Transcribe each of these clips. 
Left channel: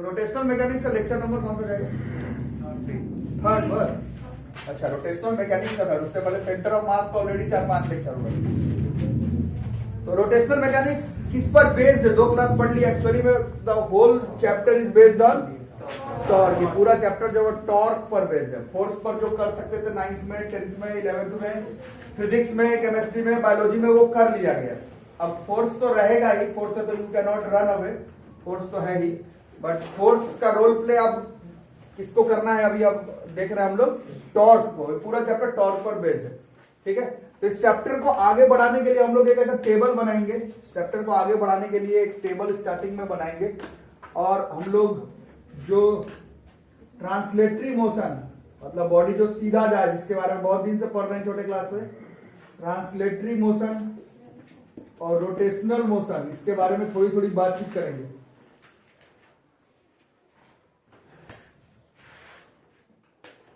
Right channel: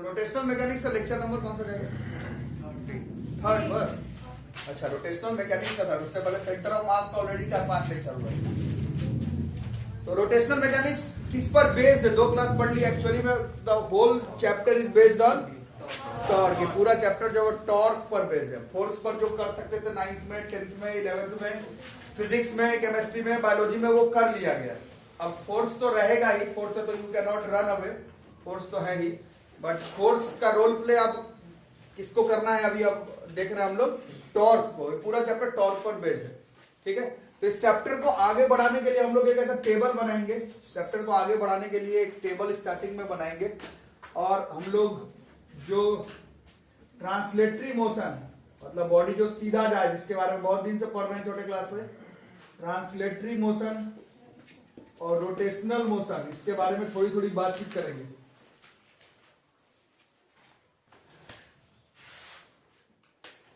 तो rotational mechanics का lecture number कौन सा जाएगा? थर्ड बस। अच्छा, रोटेशनल मैकेनिक्स का थर्ड, उससे पहले सेंटर ऑफ मास का ऑलरेडी 4-5 लेक्चर हुआ। तो रोटेशनल मैकेनिक्स किस पर बेस्ड है? 2 क्लास पढ़ ली एक्चुअली में। The whole chapter is based on torque. ये पूरा चैप्टर जो है टॉर्क पर बेस्ड है। फोर्स पर जो कर सकते थे 9th में, 10th में, 11th में, फिजिक्स में, केमिस्ट्री में, बायोलॉजी में, वो कर लिया गया। अब फोर्स तो रहेगा ही, फोर्स से तो you can not run away, force तो है ही, बट फोर्स का रोल प्ले अब किसको करना है? अभी अब देख रहे हैं हम लोग टॉर्क को। पूरा चैप्टर टॉर्क पर बेस्ड है, ठीक है। तो इस चैप्टर को आगे बढ़ाने के लिए हम लोग एक ऐसा टेबल बनाएंगे। चैप्टर को आगे बढ़ाने के लिए एक टेबल स्टार्टिंग में बनाएंगे, और हम लोग जो ट्रांसलेटरी मोशन, मतलब बॉडी जो सीधा जाए, जिसके बारे में बहुत दिन से पढ़ रहे हैं छोटे क्लास में, ट्रांसलेटरी मोशन और रोटेशनल मोशन, इसके बारे में थोड़ी थोड़ी बातचीत करेंगे।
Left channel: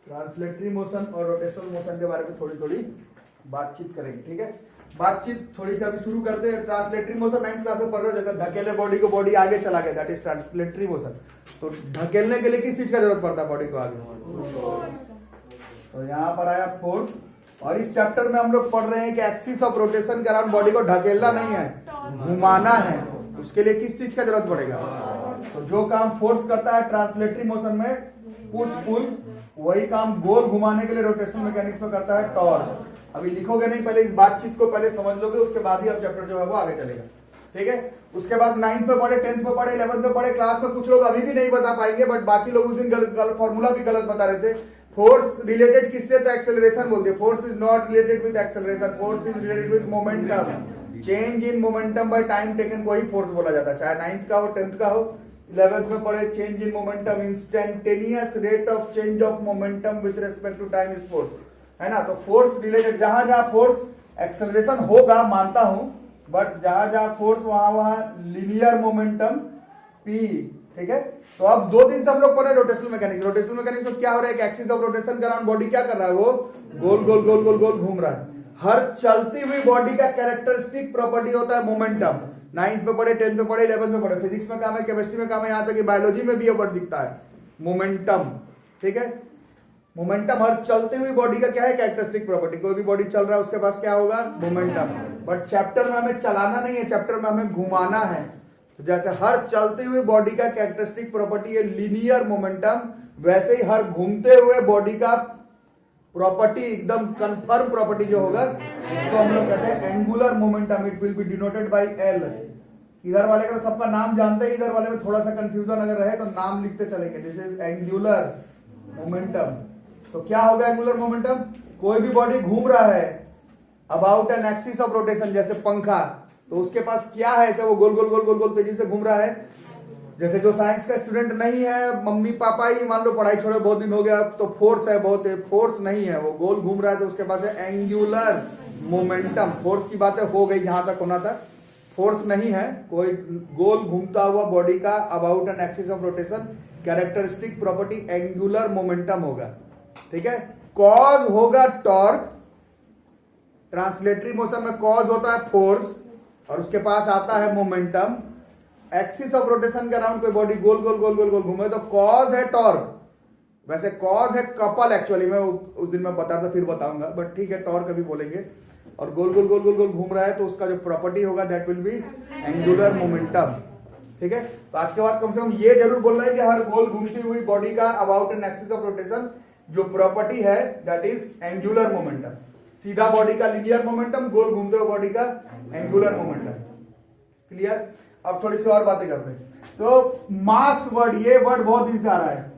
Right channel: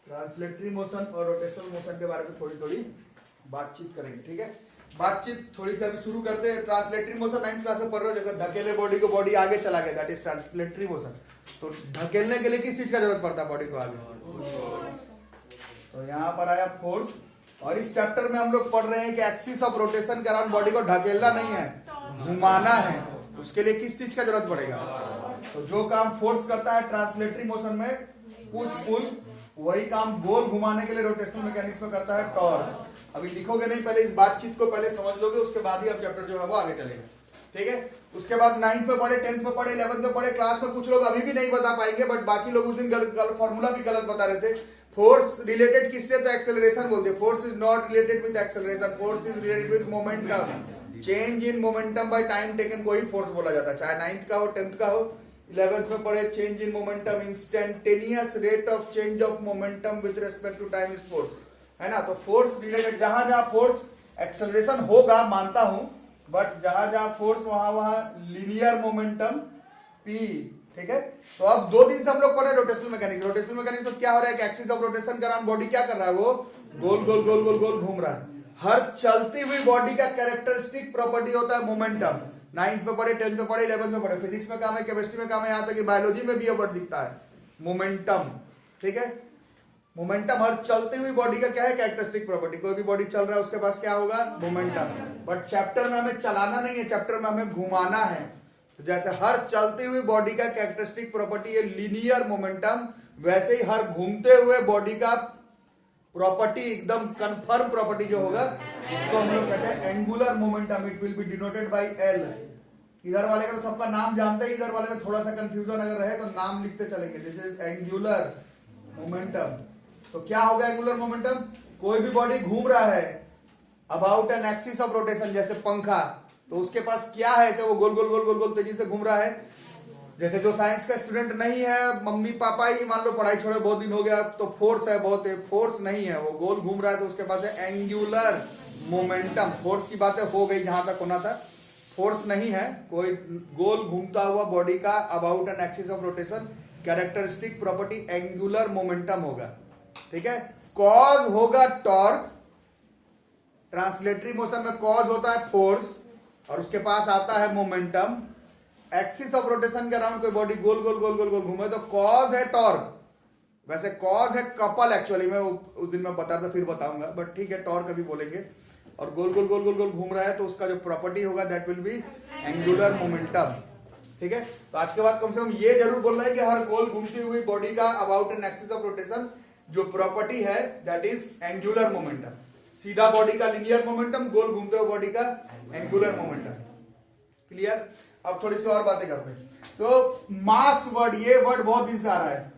ट्रांसलेटरी मोशन और रोटेशनल मोशन के बारे में थोड़ी थोड़ी बातचीत करेंगे, ठीक है। बातचीत थोड़ी सी अभी शुरू करते हैं। ट्रांसलेटरी मोशन 9th क्लास में पढ़ रहे हो, जैसे धकेले बॉडी को, बॉडी आगे चला गया, दैट इज ट्रांसलेटरी मोशन। तो धकेलने के लिए किस चीज का जरूरत पड़ता है बॉडी को आगे? तो यहाँ पर आया फोर्स। और इस चैप्टर में हम लोग पढ़ रहे हैं कि एक्सिस ऑफ रोटेशन के अराउंड बॉडी को ढकेलना नहीं है, घुमाना है। उसके लिए किस चीज का जरूरत पड़ेगा? तो जो काम फोर्स करता है ट्रांसलेटरी मोशन में, पुश पुल, वही काम गोल घुमाने के लिए रोटेशनल मैकेनिक्स में करता है टॉर्क। अभी लिखोगे नहीं, पहले इस बातचीत को पहले समझ लोगे, उसके बाद ही अब चैप्टर जो है वो आगे चलेगा, ठीक है। उसके बाद 9th में पढ़े, 10th में पढ़े, 11th में पढ़े। क्लास में कुछ लोग अभी भी नहीं बता पाएंगे, बट बाकी लोग उस दिन फॉर्मूला भी गलत बता रहे थे। फोर्स रिलेटेड किससे? तो एक्सेलरेशन बोलते हैं। Force is not related with acceleration, force is related with momentum. Change in momentum by time taken को ही फोर्स बोला जाता है, चाहे 9th का हो, 10th का हो। 11th में पढ़े, change in momentum, instantaneous rate of change of momentum with respect to time is force, है ना। तो फोर्स रिलेटेड, जहां जहां फोर्स एक्सेलरेशन होगा मानता हूं, बट जहां जहां फोर्स वहां लीनियर मोमेंटम P, ठीक है। तो अब 2 दिन से हम लोग पढ़े रोटेशनल मैकेनिक्स। रोटेशनल मैकेनिक्स में क्या हो रहा है कि एक्सिस ऑफ रोटेशन के अराउंड बॉडी क्या कर रहा है? वो गोल गोल गोल गोल गोल घूम रहा है। हर चलती हुई बॉडी का कैरेक्टरिस्टिक प्रॉपर्टी होता है मोमेंटम। 9th में पढ़े, 10th में पढ़े, 11th में पढ़े। फिजिक्स में काम है, केमिस्ट्री में काम है, यहां तक कि बायोलॉजी में भी ये वर्ड दिखता है, मोमेंटम, ठीक है। मोमेंटम हर चलती हुई बॉडी का क्या है? Characteristic property. कोई भी बॉडी चल रहा है उसके पास क्या होगा? मोमेंटम। बट चैप्टर में हमें चलाना नहीं है, चैप्टर में हमें घुमाना है। तो जैसे हर चलती हुई बॉडी का कैरेक्टरिस्टिक प्रॉपर्टी है लीनियर मोमेंटम, वैसे ही हर घूमते हुए बॉडी का प्रॉपर्टी, एकदम कंफर्म प्रॉपर्टी जो होगा, इसको हम लोग कहते हैं angular momentum. It will be denoted by L. इधर वाले का तो सबका नाम जानते हैं, इधर वाले में थोड़ा सा कंफ्यूजन अगर रहे तो नाम लिखते चलेंगे। This is angular momentum. तो क्या होगा एंगुलर मोमेंटम? कोई भी बॉडी घूम रहा है about an axis of rotation, जैसे पंखा, तो उसके पास क्या है? ऐसे वो गोल गोल गोल गोल गोल तेजी से घूम रहा है। जैसे जो साइंस का स्टूडेंट नहीं है, मम्मी पापा ही मान लो पढ़ाई छोड़े बहुत दिन हो गया, तो फोर्स है, बहुत है, फोर्स नहीं है, वो गोल घूम रहा है, तो उसके पास है एंगुलर मोमेंटम। फोर्स की बातें हो गई जहां तक होना था, फोर्स नहीं है, कोई गोल घूमता हुआ बॉडी का about an axis of rotation, characteristic property angular momentum होगा, ठीक है। कॉज होगा टॉर्क। ट्रांसलेटरी मोशन में कॉज होता है फोर्स, और उसके पास आता है मोमेंटम। एक्सिस ऑफ रोटेशन के अराउंड कोई बॉडी गोल गोल गोल गोल गोल घूमे तो कॉज है टॉर्क। वैसे कॉज है कपल, एक्चुअली मैं उस दिन मैं बता था, फिर बताऊंगा, बट ठीक है, टॉर्क अभी बोलेंगे। और गोल गोल गोल गोल गोल घूम रहा है तो उसका जो प्रॉपर्टी होगा that will be angular momentum, ठीक है। तो आज के बाद कम से कम ये जरूर बोलना है कि हर गोल घूमती हुई बॉडी का about an axis of rotation जो प्रॉपर्टी है दैट इज एंगुलर मोमेंटम। सीधा बॉडी का लीनियर मोमेंटम, गोल घूमते हुए बॉडी का एंगुलर मोमेंटम। क्लियर? अब थोड़ी सी और बातें करते हैं। तो मास वर्ड, ये वर्ड बहुत दिन से आ रहा है,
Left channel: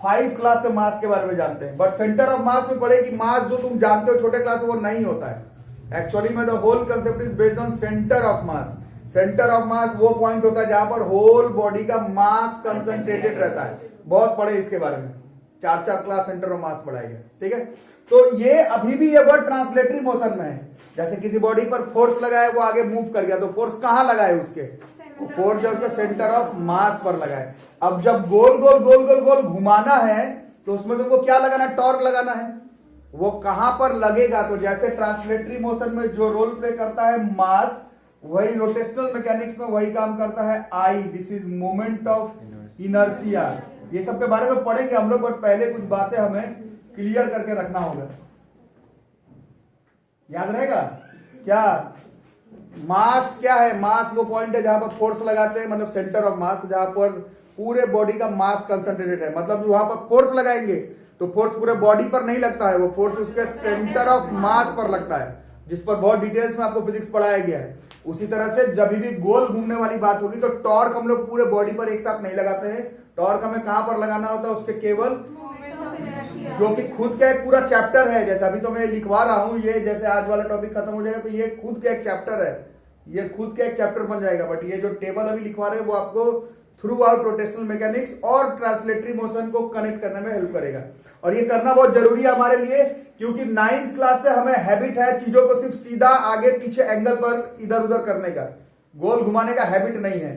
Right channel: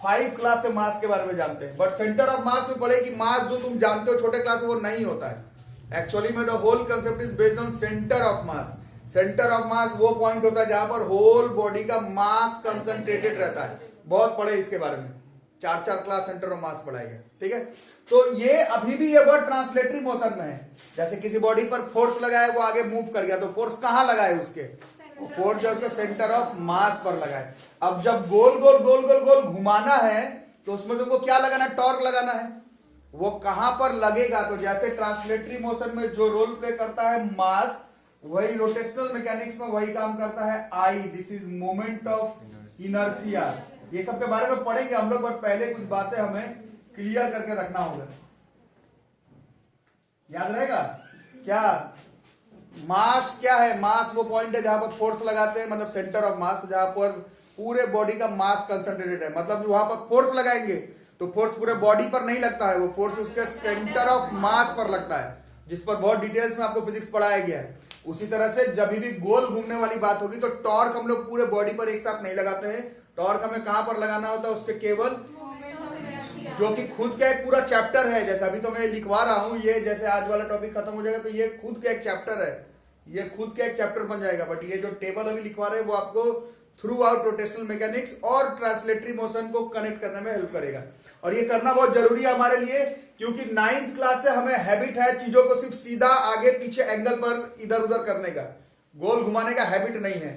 5 क्लास से मास के बारे में जानते हैं, बट सेंटर ऑफ मास में पढ़े कि मास जो तुम जानते हो छोटे क्लास में वो नहीं होता है। एक्चुअली में the whole concept is based on centre of mass. Centre of mass वो पॉइंट होता है जहां पर होल बॉडी का मास कंसंट्रेटेड रहता है। बहुत पढ़े इसके बारे में, 4 क्लास सेंटर ऑफ मास पढ़ाएंगे, ठीक है। तो ये अभी भी ये वर्ड ट्रांसलेटरी मोशन में है। जैसे किसी बॉडी पर फोर्स लगाए, वो आगे मूव कर गया, तो फोर्स कहां लगाए? उसके फोर्स जो उसका सेंटर ऑफ मास पर लगाए। अब जब गोल गोल गोल गोल गोल घुमाना है तो उसमें तुमको क्या लगाना? टॉर्क लगाना है। वो कहां पर लगेगा? तो जैसे ट्रांसलेटरी मोशन में जो रोल प्ले करता है मास, वही रोटेशनल मैकेनिक्स में वही काम करता है I, this is moment of inertia. ये सब के बारे में पढ़ेंगे हम लोग, बट पहले कुछ बातें हमें क्लियर करके रखना होगा। याद रहेगा क्या? मास क्या है? मास वो पॉइंट है जहां पर फोर्स लगाते हैं, मतलब सेंटर ऑफ मास, जहां पर पूरे बॉडी का मास कंसंट्रेटेड है। मतलब वहां पर फोर्स लगाएंगे तो फोर्स पूरे बॉडी पर नहीं लगता है, वो फोर्स उसके सेंटर ऑफ मास पर लगता है, जिस पर बहुत डिटेल्स में आपको फिजिक्स पढ़ाया गया है। उसी तरह से जब भी गोल घूमने वाली बात होगी तो टॉर्क हम लोग पूरे बॉडी पर एक साथ नहीं लगाते हैं। टॉर्क हमें कहां पर लगाना होता है? उसके केवल, जो कि खुद का एक पूरा चैप्टर है। जैसे अभी तो मैं लिखवा रहा हूं, ये जैसे आज वाला टॉपिक खत्म हो जाएगा तो ये खुद का एक चैप्टर है, ये खुद का एक चैप्टर बन जाएगा। बट ये जो टेबल अभी लिखवा रहे हैं वो आपको थ्रू आउट रोटेशनल मैकेनिक्स और ट्रांसलेटरी मोशन को कनेक्ट करने में हेल्प करेगा। और ये करना बहुत जरूरी है हमारे लिए, क्योंकि 9th क्लास से हमें हैबिट है चीजों को सिर्फ सीधा आगे पीछे एंगल पर इधर उधर करने का, गोल घुमाने का हैबिट नहीं है।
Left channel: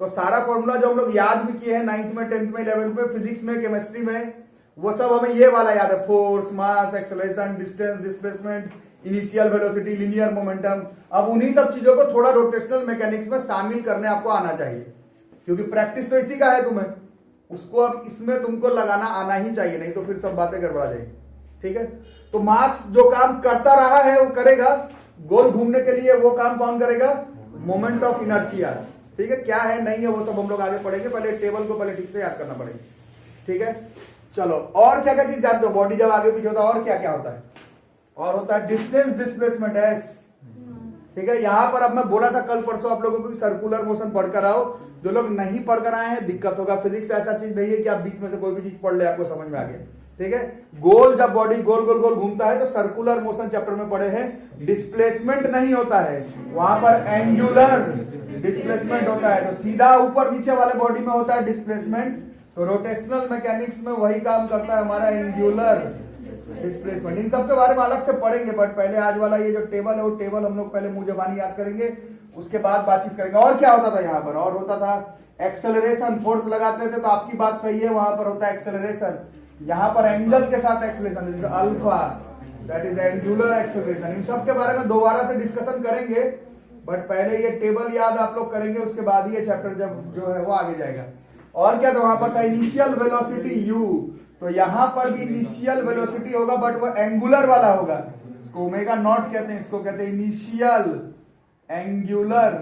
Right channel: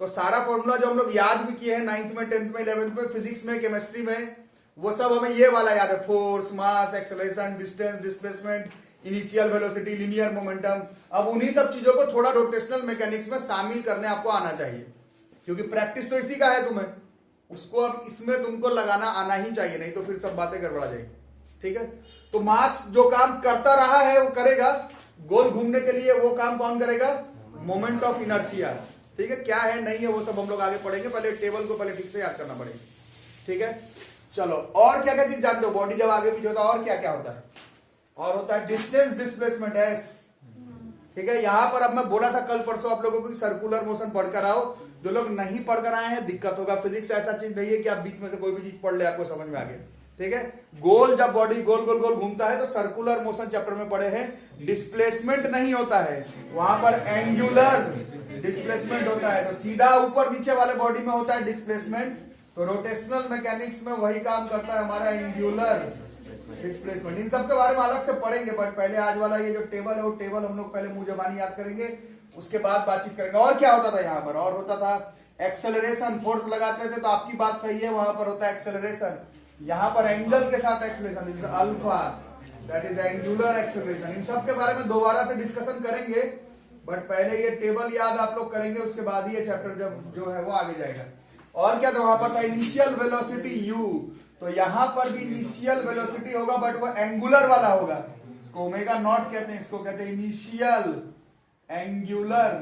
तो सारा फॉर्मूला जो हम लोग याद भी किए हैं 9th में, 10th में, 11th में, फिजिक्स में, केमिस्ट्री में, वो सब हमें ये वाला याद है। Force, mass, acceleration, distance, displacement, initial velocity, linear momentum. अब उन्हीं सब चीजों को थोड़ा रोटेशनल मैकेनिक्स में शामिल करने आपको आना चाहिए, क्योंकि प्रैक्टिस तो इसी का है तुम्हें, उसको अब इसमें तुमको लगाना आना ही चाहिए, नहीं तो फिर सब बातें गड़बड़ा जाएगी। ठीक है, तो मास जो काम करता रहा है वो करेगा, गोल घूमने के लिए वो काम कौन करेगा? Moment of inertia. ठीक है, क्या है नहीं है वो सब हम लोग आगे पढ़ेंगे, पहले टेबल को पहले ठीक से याद करना पड़ेगा। ठीक है, चलो और क्या क्या चीज जानते हो? बॉडी जब आगे पीछे होता है और क्या क्या होता है? और होता है डिस्टेंस डिस्प्लेसमेंट, एस। ठीक है, यहां पर अब मैं बोला था कल परसों आप लोगों को सर्कुलर मोशन पढ़कर आओ। जो लोग नहीं पढ़कर आए हैं दिक्कत होगा। फिजिक्स ऐसा चीज नहीं है कि आप बीच में से कोई भी चीज पढ़ ले आपको समझ में आ गया। ठीक है, गोल जब बॉडी गोल गोल गोल घूमता है तो सर्कुलर मोशन चैप्टर में पढ़े हैं, डिस्प्लेसमेंट नहीं होता है वहां पर, एंगुलर डिस्प्लेसमेंट होता है। तो सीधा ऊपर नीचे वाले बॉडी में होता है डिस्प्लेसमेंट, तो रोटेशनल मैकेनिक्स में वही काम करता है हमारा एंगुलर डिस्प्लेसमेंट। इन सब के बारे में अलग से पढ़ेंगे, बट पहले आज वाला ये जो टेबल है वो टेबल हम लोग पहले मुंह जबानी याद करेंगे, उसके बाद बातचीत करेंगे। और क्या होता था यहाँ पर? और होता था एक्सेलरेशन, फोर्स लगाते थे तो आपकी बात सही है, वहां पर होता है एक्सेलरेशन। यहाँ पर एंगल के साथ acceleration, this is alpha, that is angular acceleration. इन सब के बारे में दोबारा से डिस्कशन करेंगे, बट पहले ये टेबल याद आप लोग करेंगे, उसके बाद ये चैप्टर जब जो है वो आगे जाएगा। और क्या था वहां पर? था इनिशियल वेलोसिटी u, तो यहां पर भी इनिशियल वेलोसिटी होगा, बट वो एंगुलर वाला होगा, इसको ओमेगा नॉट कहते हैं, इसको कहते हैं इनिशियल एंगुलर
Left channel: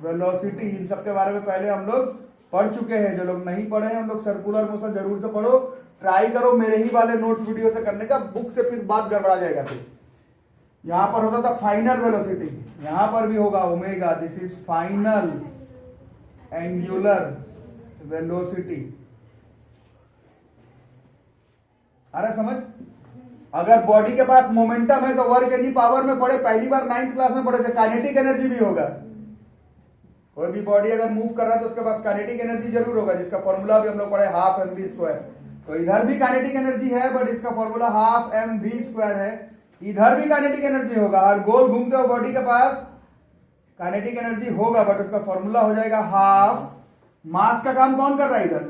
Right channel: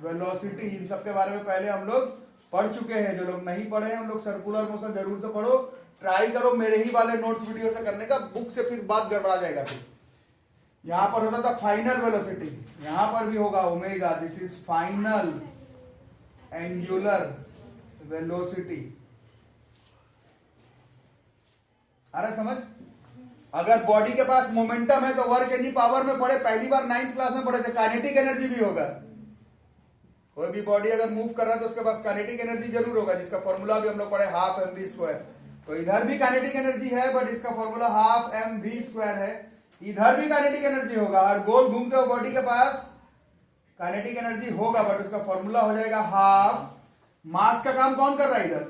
वेलोसिटी। इन सब के बारे में पहले हम लोग पढ़ चुके हैं। जो लोग नहीं पढ़े हैं हम लोग सर्कुलर मोशन जरूर से पढ़ो, ट्राई करो मेरे ही वाले नोट्स वीडियो से करने का, बुक से फिर बात गड़बड़ा जाएगा। फिर यहां पर होता था फाइनल वेलोसिटी, यहां पर भी होगा omega, this is final angular velocity. अरे समझ, अगर बॉडी के पास मोमेंटम है तो वर्क एनी पावर में पढ़े, पहली बार 9th क्लास में पढ़े थे, काइनेटिक एनर्जी भी होगा। कोई भी बॉडी अगर मूव कर रहा है तो उसके पास काइनेटिक एनर्जी जरूर होगा, जिसका फॉर्मूला भी हम लोग पढ़े हाफ mv²। तो इधर भी काइनेटिक एनर्जी है, बट इसका फॉर्मूला हाफ mv² है। इधर भी काइनेटिक एनर्जी होगा, हर गोल घूमते हुए बॉडी के पास काइनेटिक एनर्जी होगा, बट उसका फॉर्मूला हो जाएगा हाफ। मास का काम कौन कर रहा है इधर?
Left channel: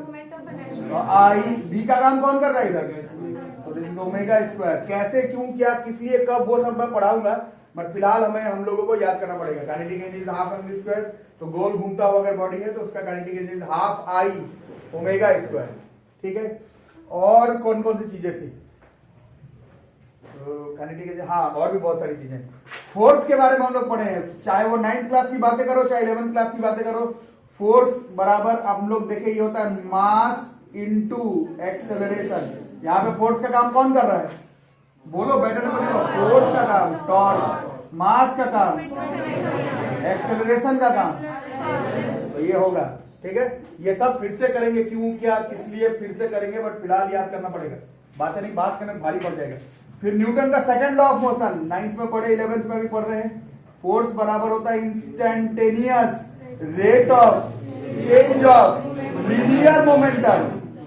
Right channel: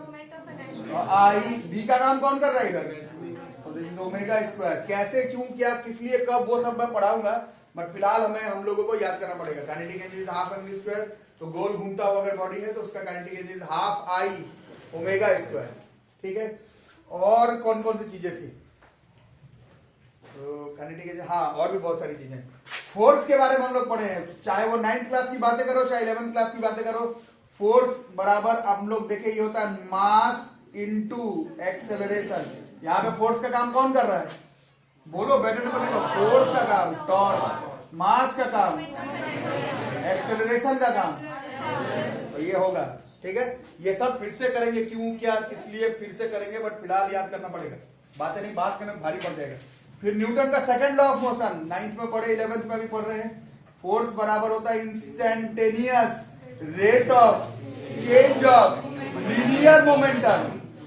आई। बी का काम कौन कर रहा है इधर? तो दिस इज ओमेगा स्क्वायर। कैसे, क्यों, क्या, किस लिए, कब, वो सब मैं पढ़ाऊंगा, बट फिलहाल हमें हम लोगों को याद करना पड़ेगा। Kinetic energy is half mv², तो गोल घूमता हुआ अगर बॉडी है तो उसका kinetic energy is half I omega square. ठीक है, और कौन कौन सी चीजें थी? काइनेटिक एनर्जी, हाँ और भी बहुत सारी चीजें। फोर्स के बारे में हम लोग पढ़े हैं, चाहे वो 9th क्लास की बातें करो चाहे 11th क्लास की बातें करो। फोर्स बराबर हम लोग देखे ये होता है मास इनटू एक्सेलरेशन। यहाँ पे फोर्स का काम कौन कर रहा है? बोलो, बैठने को बोलो। फोर्स का काम टॉर्क, मास का काम एक्सेलरेशन का काम, तो ये होगा। ठीक है, ये सब फिर से करेंगे, क्यों, क्या, किस लिए फिर से करेंगे, बट फिलहाल याद करना पड़ेगा, बातें नहीं, बात करने भारी पड़ जाएगा। फिर न्यूटन का second law of motion 9th में पढ़े, 11th में भी पढ़ रहे हैं। फोर्स बराबर होता है instantaneous rate of change of linear momentum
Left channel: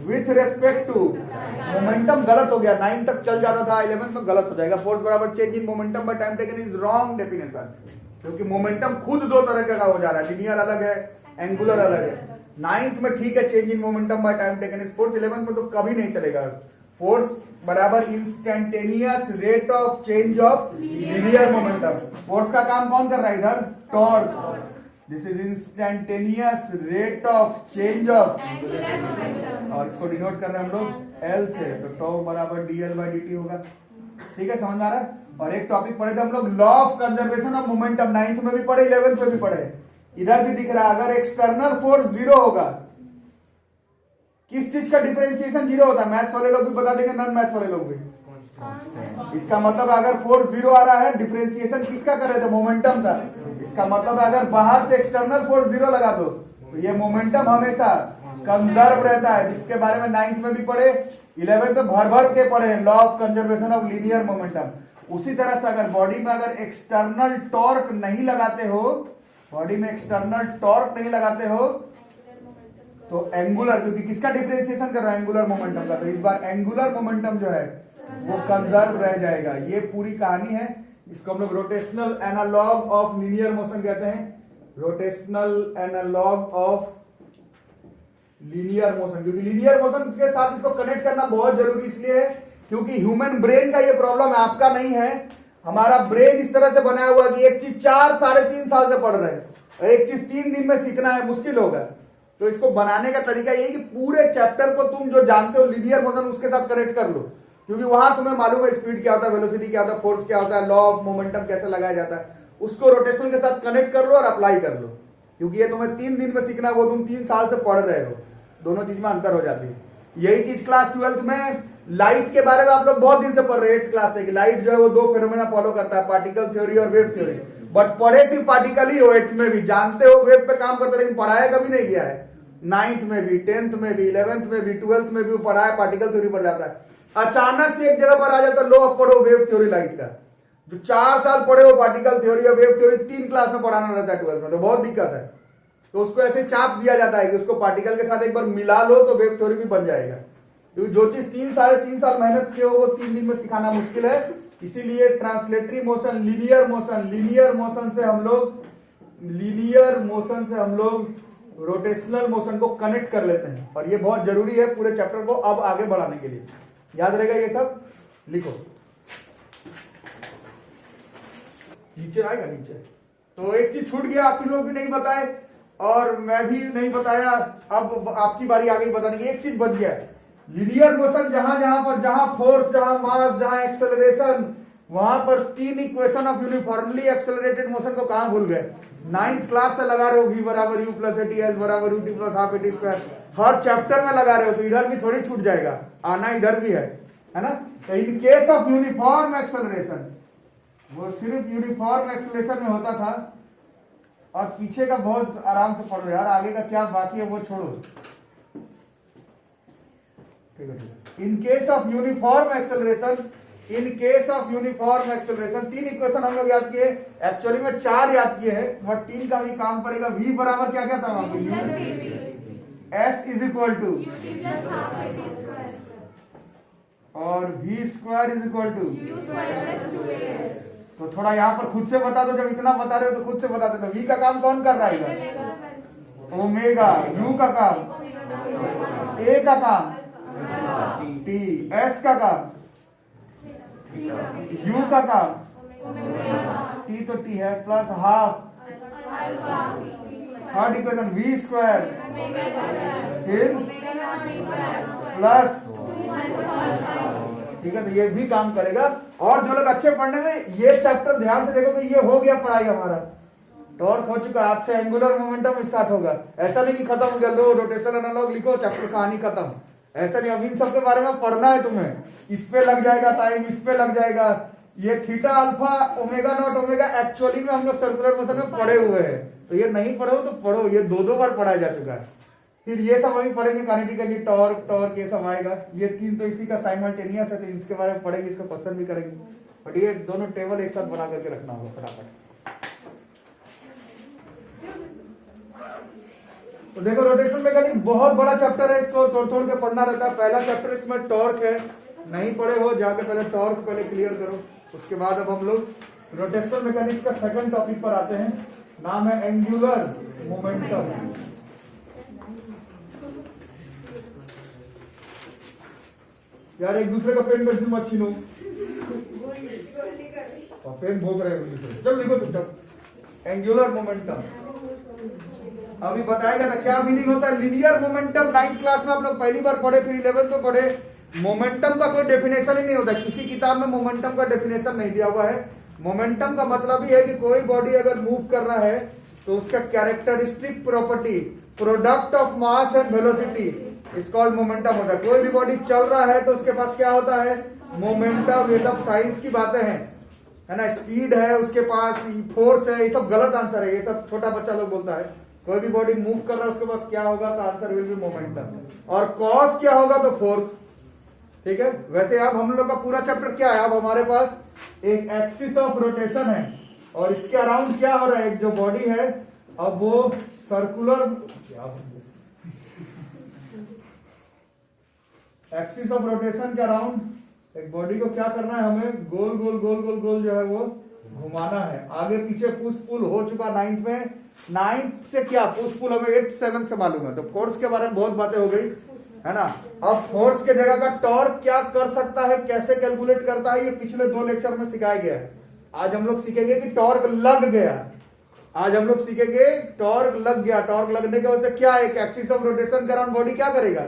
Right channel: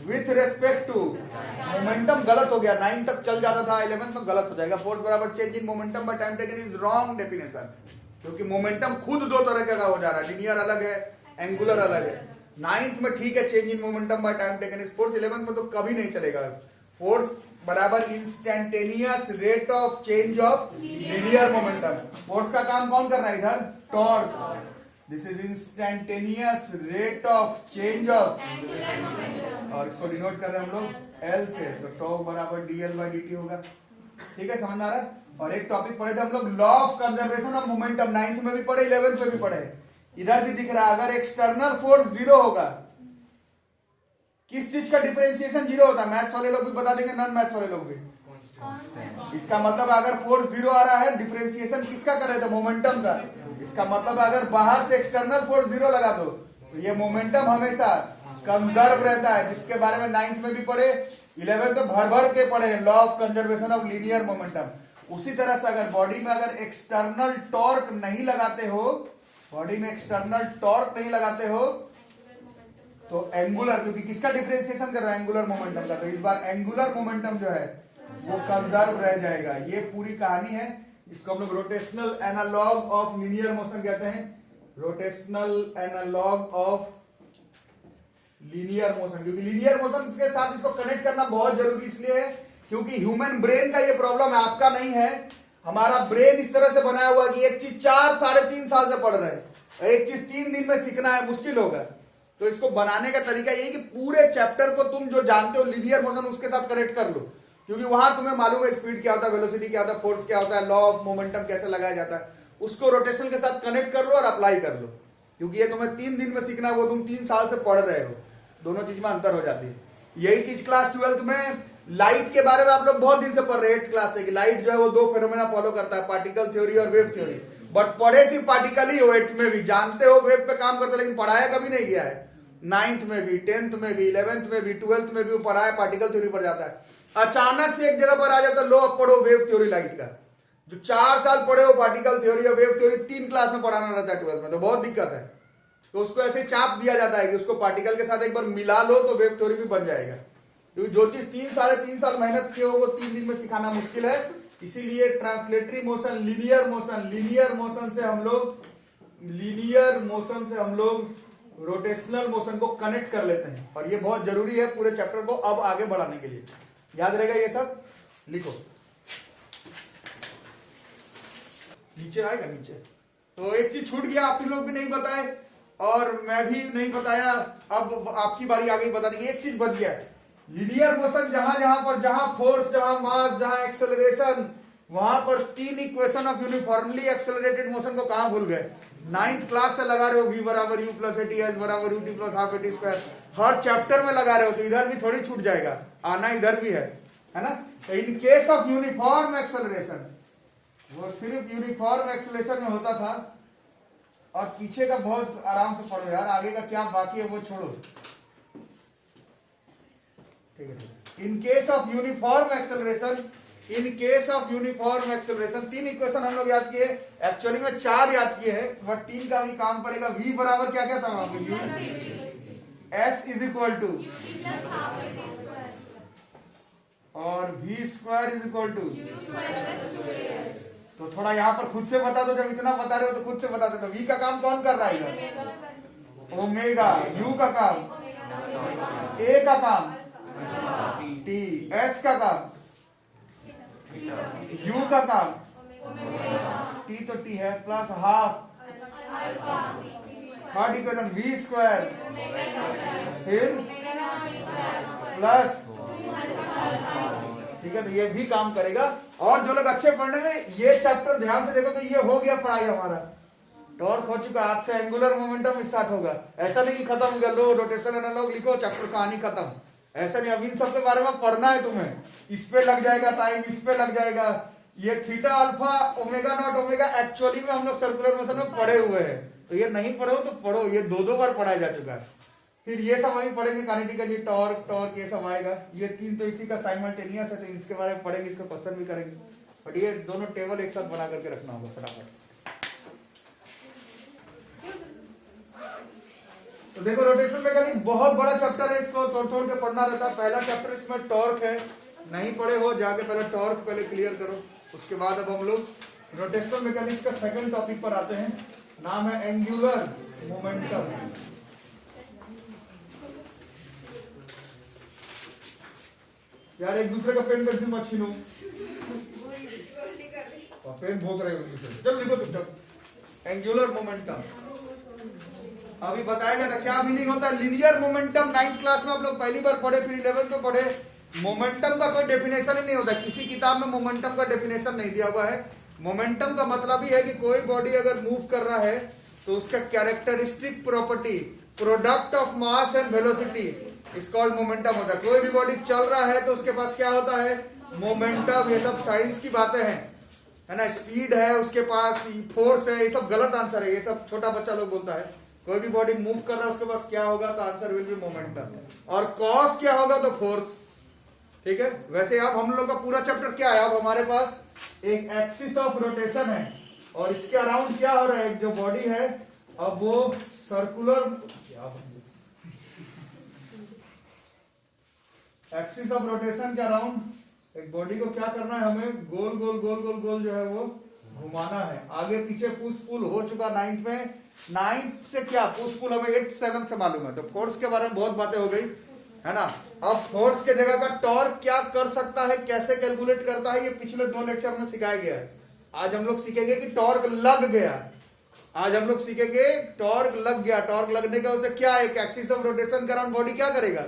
with respect to momentum. गलत हो गया, 9 तक चल जाता था, 11th में गलत हो जाएगा। फोर्स बराबर change in momentum by time taken is wrong definition, क्योंकि मोमेंटम खुद दो तरह का हो जा रहा है, लीनियर अलग है, एंगुलर अलग है। 9th में ठीक है change in momentum by time taken is force, 11th में तो कभी नहीं चलेगा। फोर्स बराबर instantaneous rate of change of linear momentum. Force का काम कौन कर रहा है इधर? Torque. This is instantaneous rate of change of, और इसको डिनोट कर रहे हैं हम लोग एल से, तो टॉर्क बराबर dl/dt होगा। ठीक है, समझ में आ रहा है? और एक टॉपिक पढ़े थे हम लोग, law of conservation of momentum, 9th में भी पढ़े, 11th में भी पढ़े। इधर भी दिख रहा है, अगर एक्सटर्नल फोर्स जीरो होगा, किस चीज का डिफरेंशिएशन जीरो होता है? मैथ्स वाले लोग भी बता देंगे, नॉन मैथ्स वाले लोग भी। इसका मतलब अगर फोर्स जीरो आ रहा है, डिफरेंशिएशन किसका कर रहे थे? मोमेंटम का। इसका मतलब अगर बाहर से एक्सटर्नल फोर्स जीरो लगा दो तो ये मोमेंटम हमेशा कंजर्व रहता है, जिसके बारे में 9th में भी पढ़े, 11th में भर भर के पढ़े, law of conservation of linear momentum. उसी तरह से अगर बॉडी में अगर एक्सटर्नल टॉर्क नहीं लगाते हो, बॉडी में एक्सटर्नल टॉर्क नहीं लगाते हो, तो एंगुलर, क्योंकि किसका डिफरेंशिएशन कर रहा है? एंगुलर मोमेंटम का, तो इस बार एंगुलर मोमेंटम जो है वो कंजर्व रह जाएगा। ये पूरी कहानी है। इसको हम लोग rotational analog of linear motion कहते हैं, rotational analog of linear motion. क्योंकि लीनियर मोशन के साथ इसको कनेक्ट करना बहुत जरूरी इसलिए है क्योंकि ह्यूमन ब्रेन का ये प्रॉब्लम है, आपका नहीं है। हमारा ब्रेन इस तरह से बनाया हुआ कि एक चीज 4-3.5 साल से पढ़ रहे हैं और एक चीज 3 दिन में सीखना है, मुश्किल होगा। तो इसको बनाने का तरीका ये है कि पूरे चैप्टर को तुम जो जानते हो लीनियर मोशन उसके साथ कनेक्ट कर लो, क्योंकि वहां तुम्हें मालूम है स्पीड क्या होता है, वेलोसिटी क्या होता है, फोर्स क्या होता है, लॉ ऑफ मोमेंटम कैसे लगाया जाता है। उसको रोटेशन के साथ कनेक्ट कर लो और अप्लाई कर लो, क्योंकि ये तुम्हें 3 दिन में सीखना है, वो तुम 3 साल से पढ़ रहे हो। दोनों चीज में अंतर हो जाती है। यही चीज क्लास 12th में लाइट के बारे में आप लोग बहुत दिन से पढ़ रहे हैं, 8th क्लास से, कि लाइट जो है वो 2 फेनोमेना फॉलो करता है, पार्टिकल थ्योरी और वेव थ्योरी। बट पढ़े सिर्फ पार्टिकल ही हो, 8th में भी जानते हो वेव पे काम करते, लेकिन पढ़ाया कभी नहीं गया है। 9th में भी, 10th में भी, 11th में भी, 12th में भी पढ़ा है, पार्टिकल थ्योरी पढ़ जाता है। अचानक से एक जगह पर आ जाता है, लो अब पढ़ो वेव थ्योरी लाइट का। जो 4 साल पढ़े हो पार्टिकल थ्योरी और वेव थ्योरी 3 क्लास में पढ़ाना रहता है 12th में, तो बहुत दिक्कत है। तो उसको ऐसे चाप दिया जाता है कि उसको पार्टिकल के साथ एक बार मिला लो तो वेव थ्योरी भी बन जाएगा। क्योंकि जो चीज 3-3.5 साल मेहनत किए हो वो 3 दिन में सिखाना मुश्किल है। इसीलिए ट्रांसलेटरी मोशन, लीनियर मोशन से हम लोग रोटेशनल मोशन को कनेक्ट कर लेते हैं, और ये बहुत जरूरी है पूरे चैप्टर को अब आगे बढ़ाने के लिए। याद रहेगा ये सब, लिखो नीचे आएगा नीचे। तो एक चीज छूट गया, आप लोग भी नहीं बताए और मैं भी नहीं बताया, अब आपकी बारी आ गई बताने की। एक चीज बच गया, लीनियर मोशन जहां फोर्स, जहां मास, जहां एक्सेलरेशन, वहां पर 3 equation of uniformly accelerated motion को कहां भूल गए? 9th क्लास से लगा रहे हो, v बराबर u प्लस at s बराबर ut plus half at square, her chapter में लगा रहे हो, तो इधर भी थोड़ी छूट जाएगा, आना इधर भी है ना। तो in case of uniform acceleration, वो सिर्फ यूनिफॉर्म एक्सेलरेशन में होता था। और पीछे का बहुत आराम से पढ़ो यार, आगे का क्या बाकी है वो छोड़ो। ठीक है। In case of uniform acceleration, 3 equation हम लोग याद किए, एक्चुअली में 4 याद किए हैं, बट 3 का भी काम पड़ेगा। v बराबर क्या क्या था वहां पे? s इज इक्वल टू, और v square is equal to. तो थोड़ा यहाँ पर खुद से बता दो, जब इतना बता रहे हो तो खुद से बता दो। तो v का काम कौन कर रहा है? ओमेगा। u का काम, a का काम t, s का काम, u का काम t, तो t है, plus half, third equation v square, फिर प्लस, ठीक है। तो ये भी काम करेगा। और जो लोग अच्छे पढ़ने में, ये चैप्टर ध्यान से देखो, तो ये हो गया पढ़ाई हमारा, टॉर्क हो चुका। आज से एंगुलर मोमेंटम स्टार्ट होगा। ऐसा नहीं कि खत्म हो गया, लो रोटेशनल एनालॉग लिखो, चैप्टर कहानी खत्म, ऐसा नहीं। अब इन सब के बारे में पढ़ना है तुम्हें, इस पे लग जाएगा टाइम, इस पे लग जाएगा। ये theta alpha omega naught omega actually में हम लोग सर्कुलर मोशन में पढ़े हुए हैं, तो ये नहीं पढ़ो तो पढ़ो, ये 2 बार पढ़ाया जा चुका है। फिर ये सब अभी पढ़ेंगे, काइनेटिकली टॉर्क ये सब आएगा। ये 3 तो इसी का साइमल्टेनियस है, तो इसके बारे में पढ़ेंगे, इसको क्वेश्चन भी करेंगे। बट ये दोनों टेबल एक साथ बना करके रखना होगा फटाफट। तो देखो, रोटेशनल मैकेनिक्स बहुत बड़ा चैप्टर है, इसको तोड़ के पढ़ना रहता है। पहला चैप्टर इसमें टॉर्क है, नहीं पढ़े हो जाके पहले टॉर्क पहले क्लियर करो। उसके बाद अब हम लोग रोटेशनल मैकेनिक्स का सेकंड टॉपिक पर आते हैं, नाम है एंगुलर मोमेंटम। यार एक दूसरे का पेन पेंसिल मत छीनो और पेन भोग रहे हो एक दूसरे। चल लिखो चुपचाप। एंगुलर मोमेंटम अभी बताया गया था क्या मीनिंग होता है लीनियर मोमेंटम। 9th क्लास में आप लोग पहली बार पढ़े, फिर 11th में पढ़े। मोमेंटम का कोई डेफिनेशन ही नहीं होता, किसी किताब में मोमेंटम का डेफिनेशन नहीं दिया हुआ है। मोमेंटम का मतलब ही है कि कोई बॉडी अगर मूव कर रहा है तो उसका characteristic property, product of mass and velocity is called momentum होता है। कोई भी बॉडी चल रहा है तो उसके पास क्या होता है, मोमेंटम। ये सब साइंस की बातें हैं, है ना। स्पीड है उसके पास, फोर्स है, ये सब गलत आंसर है, ये सब छोटा बच्चा लोग बोलता है। कोई भी बॉडी मूव कर रहा है उसके पास क्या होगा, तो आंसर विल बी मोमेंटम। और कॉज क्या होगा, तो फोर्स। ठीक है, वैसे अब हम लोग का पूरा चैप्टर क्या है, अब हमारे पास एक एक्सिस ऑफ रोटेशन है और इसके अराउंड क्या हो रहा है, एक जो बॉडी है अब वो सर्कुलर एक्सिस ऑफ रोटेशन के अराउंड एक बॉडी को क्या करना है, हमें गोल गोल गोल गोल गोल जो है वो घुमाना है। आगे पीछे पुश पुल हो चुका 9th में। 9th से क्या पुश पुल हमें 8th 7th से मालूम है, तो फोर्स के बारे में बहुत बातें हो गई, है ना। अब फोर्स के जगह का टॉर्क क्या कर सकता है, कैसे कैलकुलेट करता है, ये पिछले 2 लेक्चर में सिखाया गया है। आज हम लोग सीखेंगे कि टॉर्क लग गया। आज हम लोग सीखेंगे टॉर्क लग गया। टॉर्क लगने की वजह से क्या, एक एक्सिस ऑफ रोटेशन के अराउंड बॉडी क्या करेगा,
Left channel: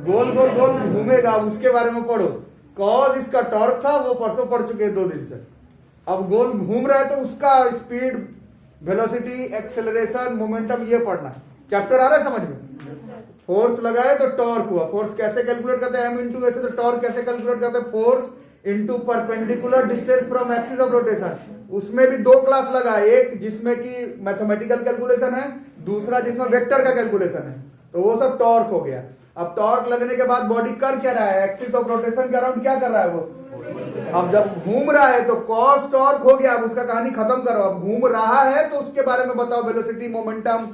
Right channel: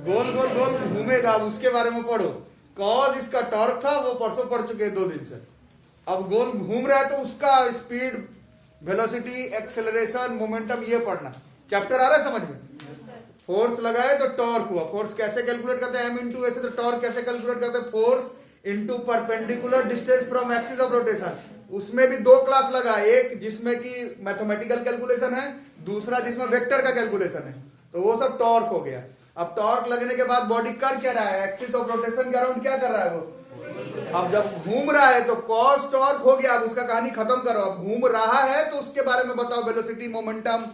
गोल गोल गोल घूमेगा। उसके बारे में पढ़ो। कॉज इसका टॉर्क था वो परसों पढ़ चुके हैं 2 दिन से। अब गोल घूम रहा है तो उसका स्पीड, वेलोसिटी, एक्सेलरेशन, मोमेंटम, ये पढ़ना। चैप्टर आ रहा है समझ में। फोर्स लगाए तो टॉर्क हुआ। फोर्स कैसे कैलकुलेट करते हैं, एम इंटू वैसे, तो टॉर्क कैसे कैलकुलेट करते हैं, force into perpendicular distance from axis of rotation. उसमें भी 2 क्लास लगा, एक जिसमें कि मैथमेटिकल कैलकुलेशन है, दूसरा जिसमें वेक्टर का कैलकुलेशन है, तो वो सब टॉर्क हो गया। अब टॉर्क लगने के बाद बॉडी कर क्या रहा है, एक्सिस ऑफ रोटेशन के अराउंड क्या कर रहा है वो, अब जब घूम रहा है तो कॉस टॉर्क हो गया। अब उसका कहानी खत्म करो। अब घूम रहा है तो उसके बारे में बताओ, वेलोसिटी, मोमेंटम,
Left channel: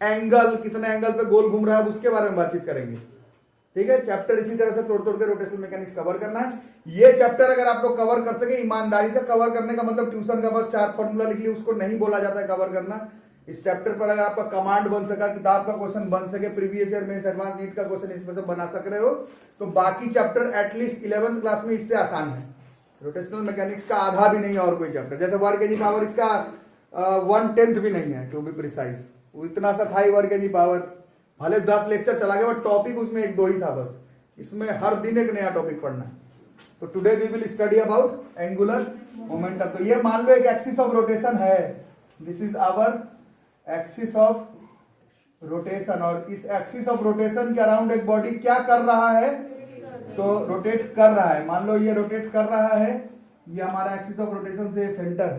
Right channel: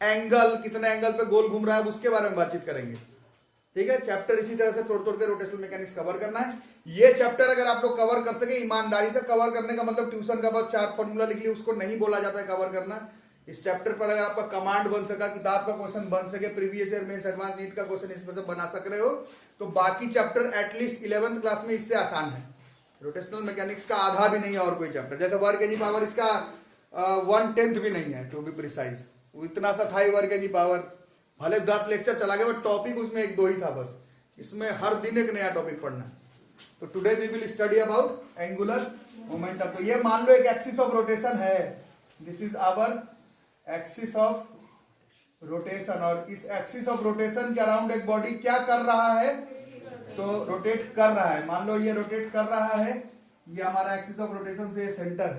एंगल, कितना एंगल पे गोल घूम रहा है, उसके बारे में बातचीत करेंगे। ठीक है, चैप्टर इसी तरह से तोड़ तोड़ के रोटेशनल मैकेनिक्स कवर करना है। ये चैप्टर अगर आप लोग कवर कर सके, ईमानदारी से कवर करने का मतलब ट्यूशन का बस 4 फॉर्मूला लिख लिया, उसको नहीं बोला जाता है कवर करना। इस चैप्टर पर अगर आपका कमांड बन सका, किताब का क्वेश्चन बन सके, प्रीवियस ईयर में एडवांस नीट का क्वेश्चन इसमें से बना सक रहे हो, तो बाकी चैप्टर एटलीस्ट 11th क्लास में इससे आसान है। रोटेशनल मैकेनिक्स का आधा भी नहीं है और कोई चैप्टर, जैसे वर्क एनी पावर इसका 1/10 भी नहीं है, टू बी प्रिसाइज। इतना सा था ही वर्क एनी पावर, भले 10 लेक्चर चला गया, बट टॉपिक उसमें 1-2 ही था बस। इसमें हर दिन एक नया टॉपिक पढ़ना। तो today we will study about angular momentum. तो ये मान लो एक एक्सिस ऑफ रोटेशन है, this is our axis of rotation, और इस एक्सिस ऑफ रोटेशन के अराउंड एक बॉडी क्या कर रहा है, तो रोटेट कर रहा है। मान लो ये रोटेट कर रहा है, ये हमारा एक्सिस ऑफ रोटेशन से सेंटर,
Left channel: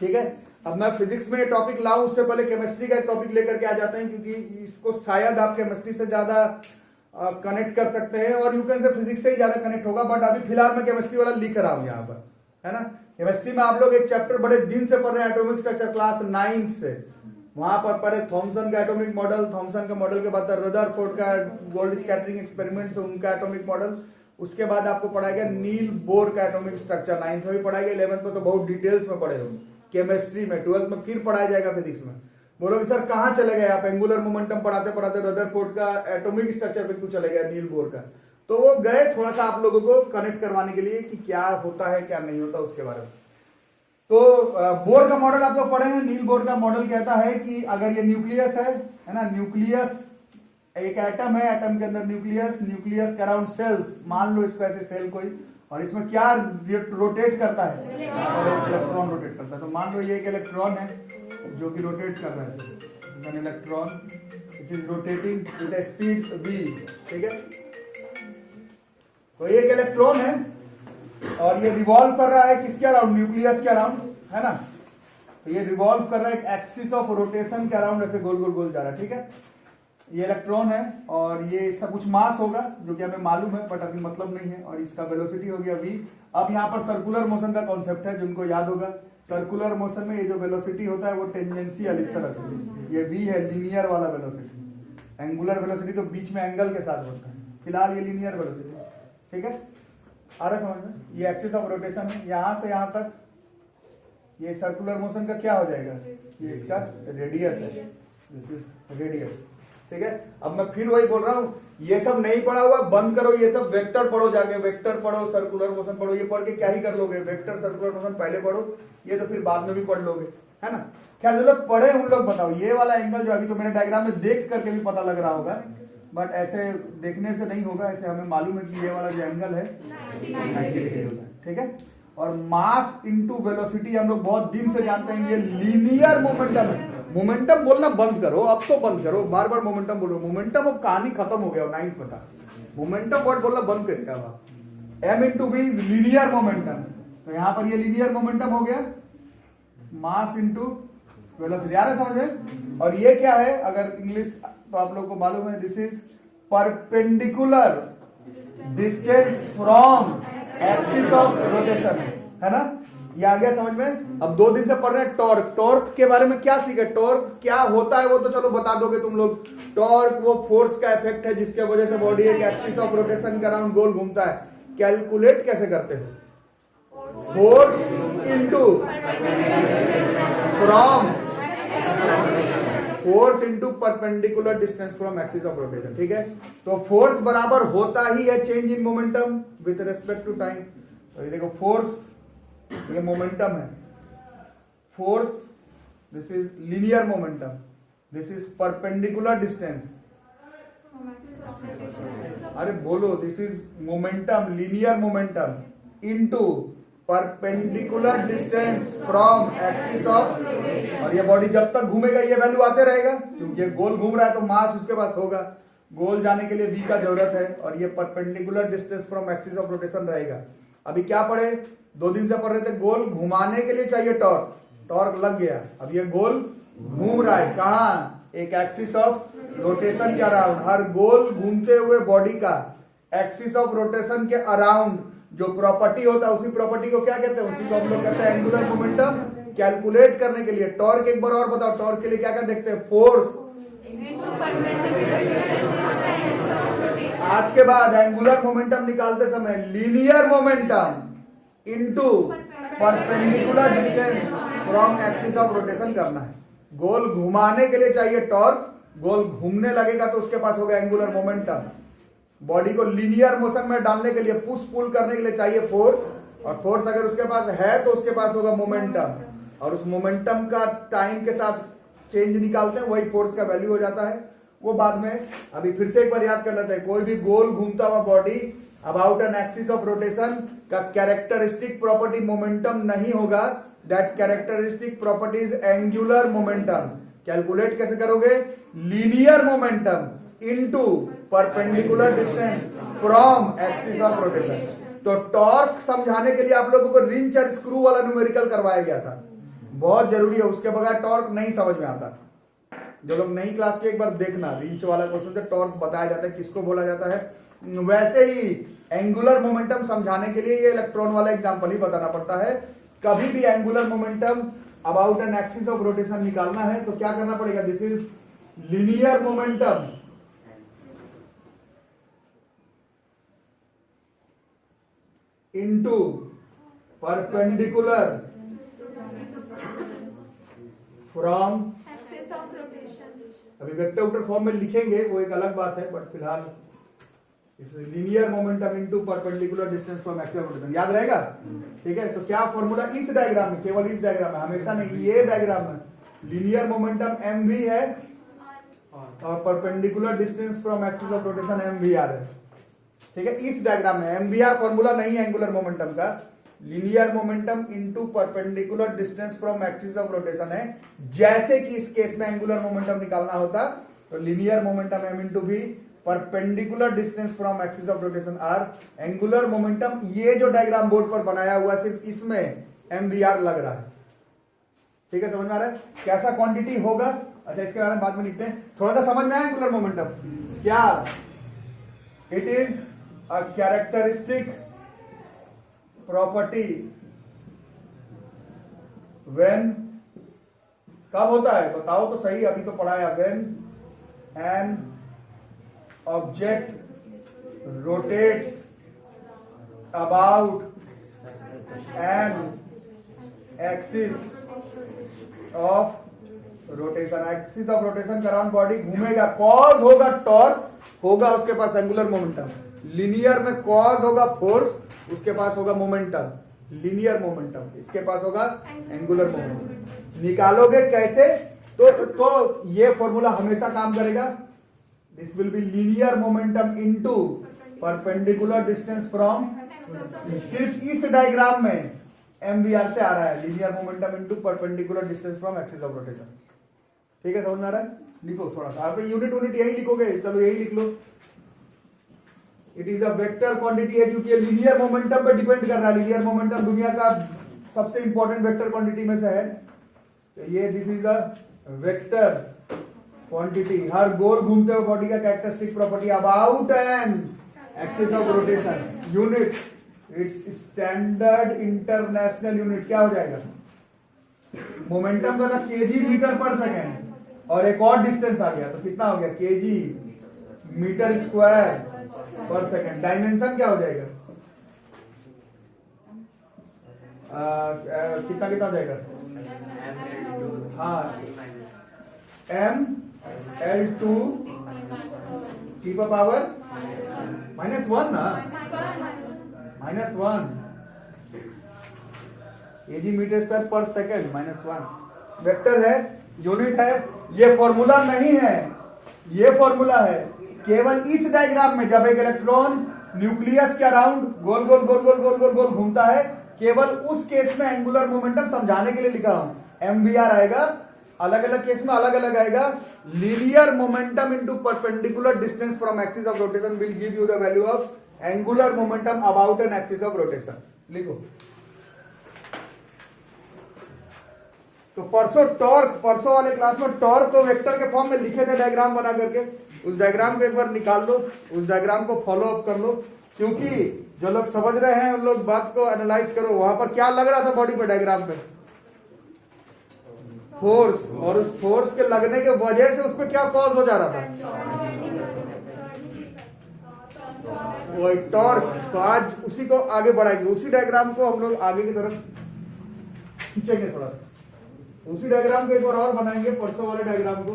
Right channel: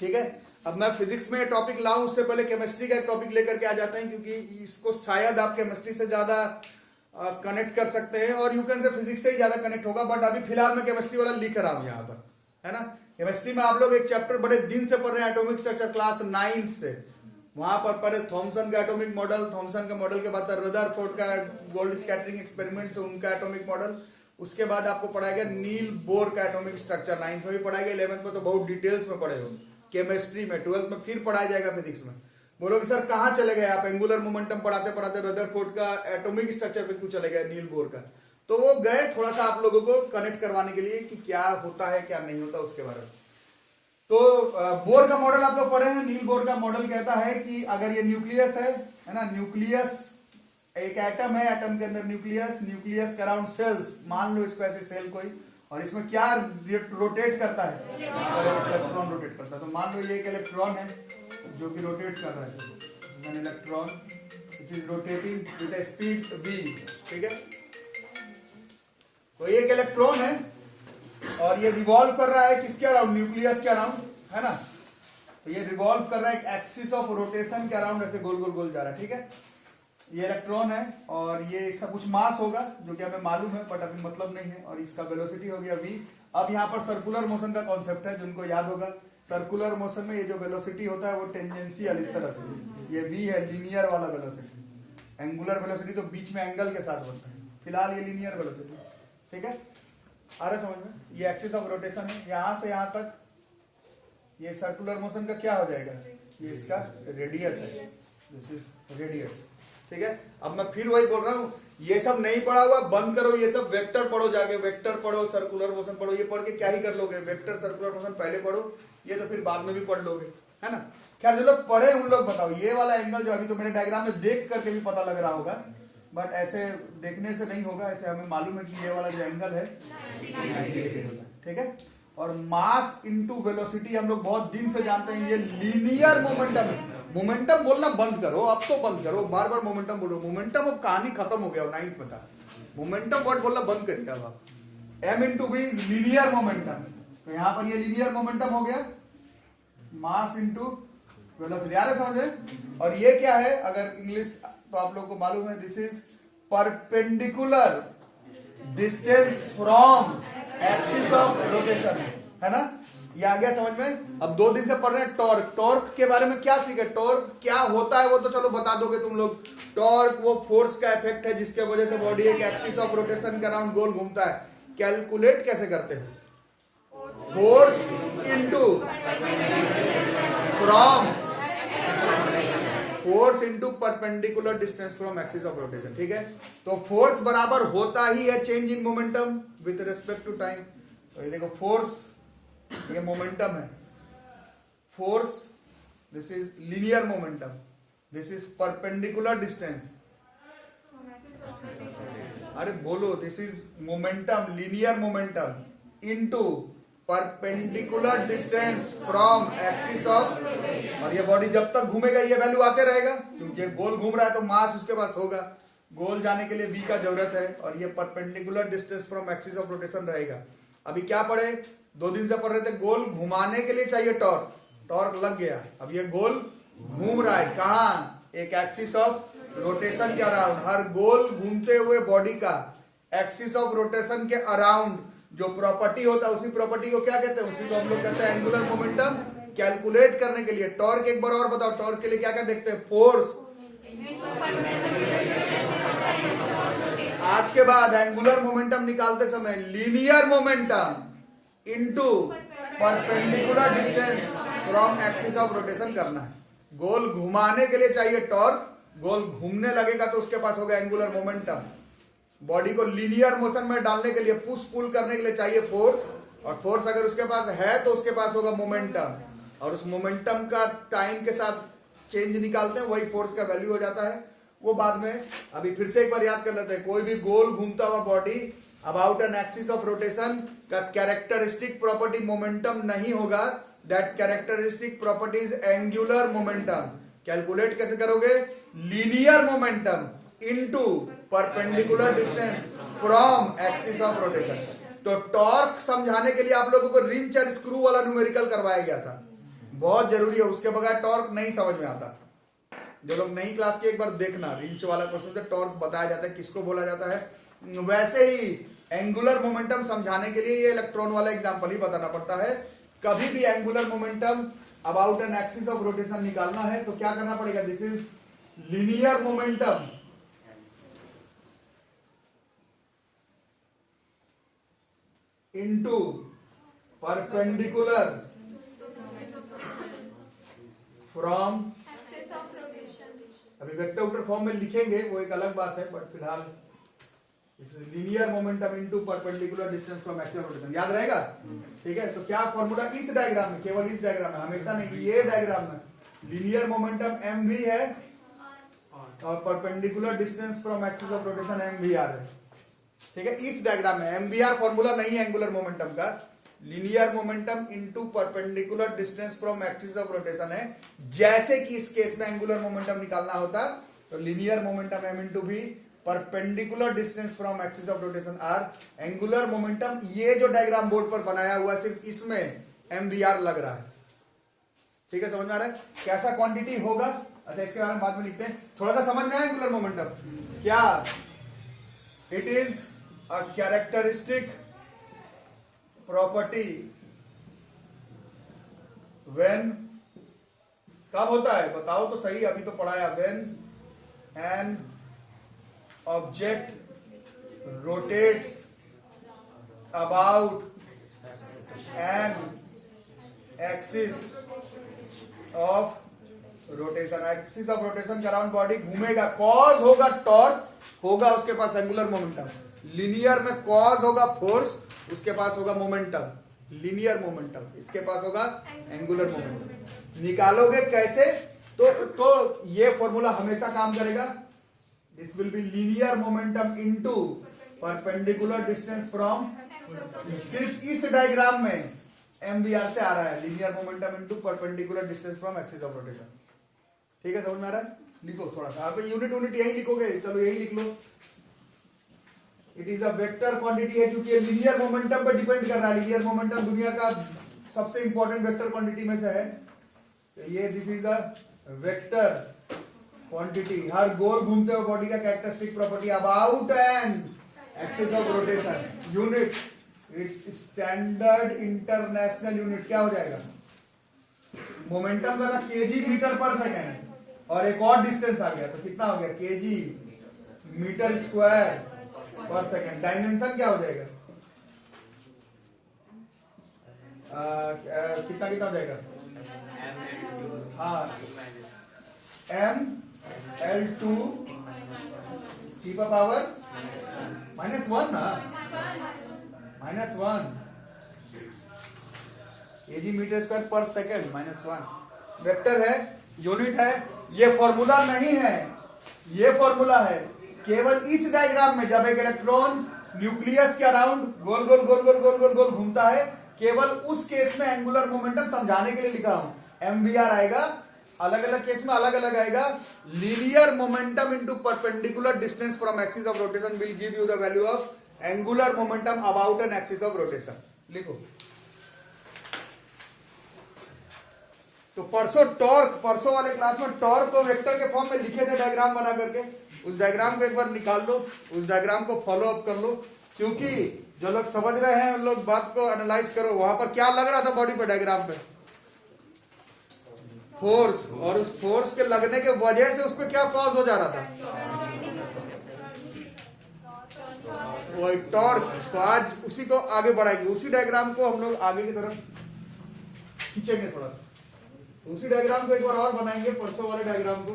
ठीक है। अब मैं फिजिक्स में टॉपिक लाऊं उससे पहले केमिस्ट्री का एक टॉपिक लेकर के आ जाते हैं, क्योंकि इसको शायद आप केमिस्ट्री से ज्यादा कनेक्ट कर सकते हैं, और यू कैन से फिजिक्स से ही ज्यादा कनेक्ट होगा, बट अभी फिलहाल मैं केमिस्ट्री वाला लिख रहा हूं यहाँ पर, है ना। केमिस्ट्री में आप लोग एक चैप्टर बड़े दिन से पढ़ रहे हैं, एटॉमिक स्ट्रक्चर, क्लास 9th से। वहां पर पढ़े थॉमसन का एटॉमिक मॉडल, थॉमसन का मॉडल के बाद रदरफोर्ड का गोल्ड स्कैटरिंग एक्सपेरिमेंट, उनका एटॉमिक मॉडल। उसके बाद आपको पढ़ाएगा नील बोर का एटॉमिक स्ट्रक्चर, 9th में भी पढ़ाएगा, 11th में तो बहुत डिटेल्स में पढ़े हो। केमिस्ट्री में 12th में फिर पढ़ाया जाएगा फिजिक्स में। बोलोगे सर कहाँ चले गए आप, एंगुलर मोमेंटम पढ़ाते पढ़ाते रदरफोर्ड का एटॉमिक स्ट्रक्चर पे क्यों चले गए, नील बोर का। तो वो गए थोड़ा सा आप लोगों को कनेक्ट करवाने के लिए कि क्या होता है क्या नहीं होता उसके बारे में। तो बोर का मॉडल आप लोग पढ़े हैं। नील बोर का मॉडल कहता है कि अगर ये न्यूक्लियस है ना, न्यूक्लियस एक एटम है, एटम के अंदर न्यूक्लियस, न्यूक्लियस के अराउंड सेल्स, मान लो इसको ऐसे सेल कोई, और इसमें क्या रोटेट करता है, इलेक्ट्रॉन रोटेट करता है। तो मान लो ये एक इलेक्ट्रॉन है जो कि रोटेट कर रहा है, an electron it is rotating with a speed v, ठीक है। तो एक इलेक्ट्रॉन है और ये रिवॉल्व कर रहा है किसके अराउंड, न्यूक्लियस के अराउंड, है ना। तो ये रिवॉल्व कर रहा है एक एक्सिस ऑफ रोटेशन के अराउंड, ऐसे गोल गोल गोल जा रहा है, ठीक है। ये इलेक्ट्रॉन है और ये इसका कुछ मास होगा जो कि हमें मालूम है, बट अभी मतलब नहीं है, और इसका वेलोसिटी हो गया v। अब यहाँ पर सर्कुलर मोशन का कॉन्सेप्ट है, जिनको याद होगा, सर्कुलर मोशन में ये जो वेलोसिटी होता है वो टेंजेंशियल, इस तरह से ये v है, लीनियर वाला वेलोसिटी। एंगुलर वेलोसिटी तो बीच में एंगल के साथ होता है, फिलहाल ये लीनियर वेलोसिटी, ठीक है। आ रहा समझ में। ये एक्सिस ऑफ रोटेशन है, यहां से यहां तक ये सर्कुलर मोशन का क्या हो जाएगा, ये इसका रेडियस है, दिस इज रेडियस, ठीक है। अब मैं फिर वही बोल रहा हूं, ये सब नहीं पढ़ा हुआ बंद करो, ये सब वेक्टर पढ़ो, जाके वेक्टर पढ़ो, सर्कुलर मोशन पढ़ो। ये पढ़ के क्या ही कर लोगे, वेक्टर सर्कुलर मोशन पहले पढ़ो, ये तो फिर बाद में भी पढ़ लोगे, है ना। खैर जो लोग पढ़े उन लोग बताओ, ये वाला एंगल जो अभी तो मेरे डायग्राम में देख करके भी पता लग रहा होगा, बट ऐसे देखने से नहीं होगा, ऐसे हमें मालूम है कि ये वाला जो एंगल है, ठीक है। और मास इनटू वेलोसिटी हम लोग बहुत दिन से जानते हैं, ये लीनियर मोमेंटम है। मोमेंटम बोलना बंद करो, अब तो बंद करो, बार बार मोमेंटम बोलो। मोमेंटम अब कहानी खत्म हो गया, 9th में था। मोमेंटम वर्ड बोलना बंद करिए अब। m into B is linear momentum, तो यहां पर ये लीनियर मोमेंटम हो गया, मास इंटू वेलोसिटी। आ रहा है समझ में। और ये क्या है, अगर इंग्लिश तो आप लोग को मालूम है, this is perpendicular distance from axis of rotation, है ना। ये आ गया समझ में। अब 2 दिन से पढ़ रहे हैं टॉर्क। टॉर्क के बारे में क्या सीखे, टॉर्क क्या होता है वो तो चलो बता दोगे तुम लोग। टॉर्क वो फोर्स का इफेक्ट है जिसके वजह से बॉडी एक एक्सिस ऑफ रोटेशन के अराउंड गोल घूमता है। कैलकुलेट कैसे करते हैं, force into from force into perpendicular distance from axis of rotation, ठीक है। तो फोर्स बराबर होता ही है change in momentum with respect to time. तो ये देखो फोर्स, ये मोमेंटम है, force this is linear momentum, this is perpendicular distance. अरे बोलो, this is momentum, linear momentum into perpendicular distance from axis of, और ये बॉडी जब तक घूमेगा ये वैल्यू आते रहेगा, क्योंकि गोल घूम रहा है तो मास उसके पास होगा, गोल जाने के लिए v का जरूरत है, और ये perpendicular distance from axis of rotation रहेगा। अभी क्या पढ़े, 2 दिन से पढ़ रहे थे, गोल घुमाने के लिए चाहिए टॉर्क, टॉर्क लग गया। अब ये गोल घूम रहा है कहाँ, एक एक्सिस ऑफ रोटेशन के अराउंड। हर गोल घूमते हुए बॉडी का एक्सिस ऑफ रोटेशन के अराउंड जो प्रॉपर्टी होता है, उसी प्रॉपर्टी को क्या कहते हैं, उसी को हम लोग कहते हैं एंगुलर मोमेंटम। कैलकुलेट करने के लिए टॉर्क एक बार और बताओ, टॉर्क के लिए क्या क्या देखते हैं, फोर्स। आज के बाद एंगुलर मोमेंटम निकालते समय linear momentum into perpendicular distance from axis of rotation करना है। गोल घुमाने के लिए चाहिए टॉर्क, गोल घूमने लगेगा तो उसके पास होगा एंगुलर मोमेंटम। बॉडी को लीनियर मोशन में डालने के लिए, पुश पुल करने के लिए चाहिए फोर्स, और फोर्स अगर उसके पास है तो उसके पास होगा मोमेंटम, और उस मोमेंटम का टाइम के साथ चेंज निकालते हैं, वही फोर्स का वैल्यू हो जाता है, वो बाद में। अभी फिर से एक बार याद कर लेते हैं, कोई भी गोल घूमता हुआ body about an axis of rotation का कैरेक्टरिस्टिक प्रॉपर्टी मोमेंटम नहीं होगा, that characteristic property is angular momentum. Calculate कैसे करोगे, linear momentum into perpendicular distance from axis of rotation. तो टॉर्क समझाने के लिए आप लोगों को रिंच और स्क्रू वाला न्यूमेरिकल करवाया गया था, बहुत जरूरी है, उसके बगैर टॉर्क नहीं समझ में आता। जो लोग नई क्लास के एक बार देखना, रिंच वाला क्वेश्चन से टॉर्क बताया जाता है, किसको बोला जाता है। वैसे ही एंगुलर मोमेंटम समझाने के लिए ये इलेक्ट्रॉन वाला एग्जांपल ही बताना पड़ता है। कभी भी angular momentum about an axis of rotation निकालना है तो क्या करना पड़ेगा, this is linear momentum into perpendicular from, अभी वेक्टर वेक्टर फॉर्म में लिखेंगे वो एक अलग बात है, बट फिलहाल इस linear momentum into perpendicular distance from axis of rotation याद रहेगा, ठीक है। तो क्या फॉर्मूला इस डायग्राम में, केवल इस डायग्राम में, हमेशा नहीं, ये डायग्राम में लीनियर मोमेंटम एम वी है और perpendicular distance from axis of rotation M V R है, ठीक है। इस डायग्राम में एम वी आर फॉर्मूला नहीं है एंगुलर मोमेंटम का, linear momentum into perpendicular distance from axis of rotation है। जैसे कि इस केस में एंगुलर मोमेंटम निकालना होता तो linear momentum M into V, perpendicular distance from axis of rotation R, angular momentum ये जो डायग्राम बोर्ड पर बनाया हुआ सिर्फ इसमें एम वी आर लग रहा है, ठीक है। समझ में आ रहा है कैसा क्वांटिटी होगा। अच्छा इसके बारे में बाद में लिखते हैं, थोड़ा सा समझ में आया एंगुलर मोमेंटम क्या, it is a characteristic property when, कब होता है बताओ तो सही, अभी तो पढ़ाया, when an object rotates about an axis of rotation, axis of rotation के अराउंड बॉडी घूमेगा, कॉज होगा टॉर्क, होगा उसके पास एंगुलर मोमेंटम। लीनियर में कॉज होगा फोर्स, उसके पास होगा मोमेंटम, लीनियर मोमेंटम, इसके पास होगा एंगुलर मोमेंटम। निकालोगे कैसे? तो ये फॉर्मूला हमेशा काम करेगा। This will be linear momentum into perpendicular distance from, सिर्फ इस डायग्राम में MVR से आ रहा है, linear momentum into perpendicular distance from axis of rotation. ठीक है, समझ में आ रहा है? लिखो थोड़ा सा, आप यूनिट यही लिखोगे, चलो यही लिख लो। It is a vector quantity है क्योंकि ये लीनियर मोमेंटम पर डिपेंड कर रहा है। लीनियर मोमेंटम दुनिया का सबसे इंपॉर्टेंट वेक्टर क्वांटिटी में से है। तो ये this is a vector quantity. हर गोल घूमते हुए बॉडी का characteristic property about an axis of rotation. Unit its standard international unit क्या हो जाएगा? मोमेंटम का ना केजी मीटर पर सेकेंड, और एक और डिस्टेंस आ गया तो कितना हो गया? केजी मीटर स्क्वायर पर सेकेंड। डायमेंशन क्या हो जाएगा? कितना कितना हो जाएगा? हाँ, ml2 की पावर -1 ना, -1 केजी मीटर स्क्वायर पर सेकेंड -1। वेक्टर है, यूनिट है। ये फॉर्मूला नहीं है, ये फॉर्मूला है केवल इस डायग्राम में। जब एक इलेक्ट्रॉन न्यूक्लियस के अराउंड गोल गोल गोल गोल गोल गोल गोल घूमता है, केवल उस केस में एंगुलर मोमेंटम समझाने के लिए लिखा हूं। MVR आएगा, अलग अलग केस में अलग अलग आएगा। Linear momentum into perpendicular distance from axis of rotation will give you the value of angular momentum about an axis of rotation. लिखो। तो परसों वाले क्लास में टॉर्क को वेक्टर के फॉर्म में लिखे थे डायग्राम बना करके। उस डायग्राम को एक बार निकाल लो, उस डायग्राम को फॉलो अप कर लो, क्योंकि जो लोग समझ रहे हैं उन लोग बात को एनालाइज करो। वहां पर क्या लग रहा था बॉडी पर डायग्राम पे? फोर्स, और उस फोर्स के लगने के वजह से उस पर क्या कॉज हो जा रहा था? वो टॉर्क। तो आज उसी को आगे बढ़ाएंगे, उसी डायग्राम को हम लोग आगे की तरफ खींचेंगे थोड़ा सा। उसी डायग्राम को एक बार और बनाएंगे, परसों वाले डायग्राम को।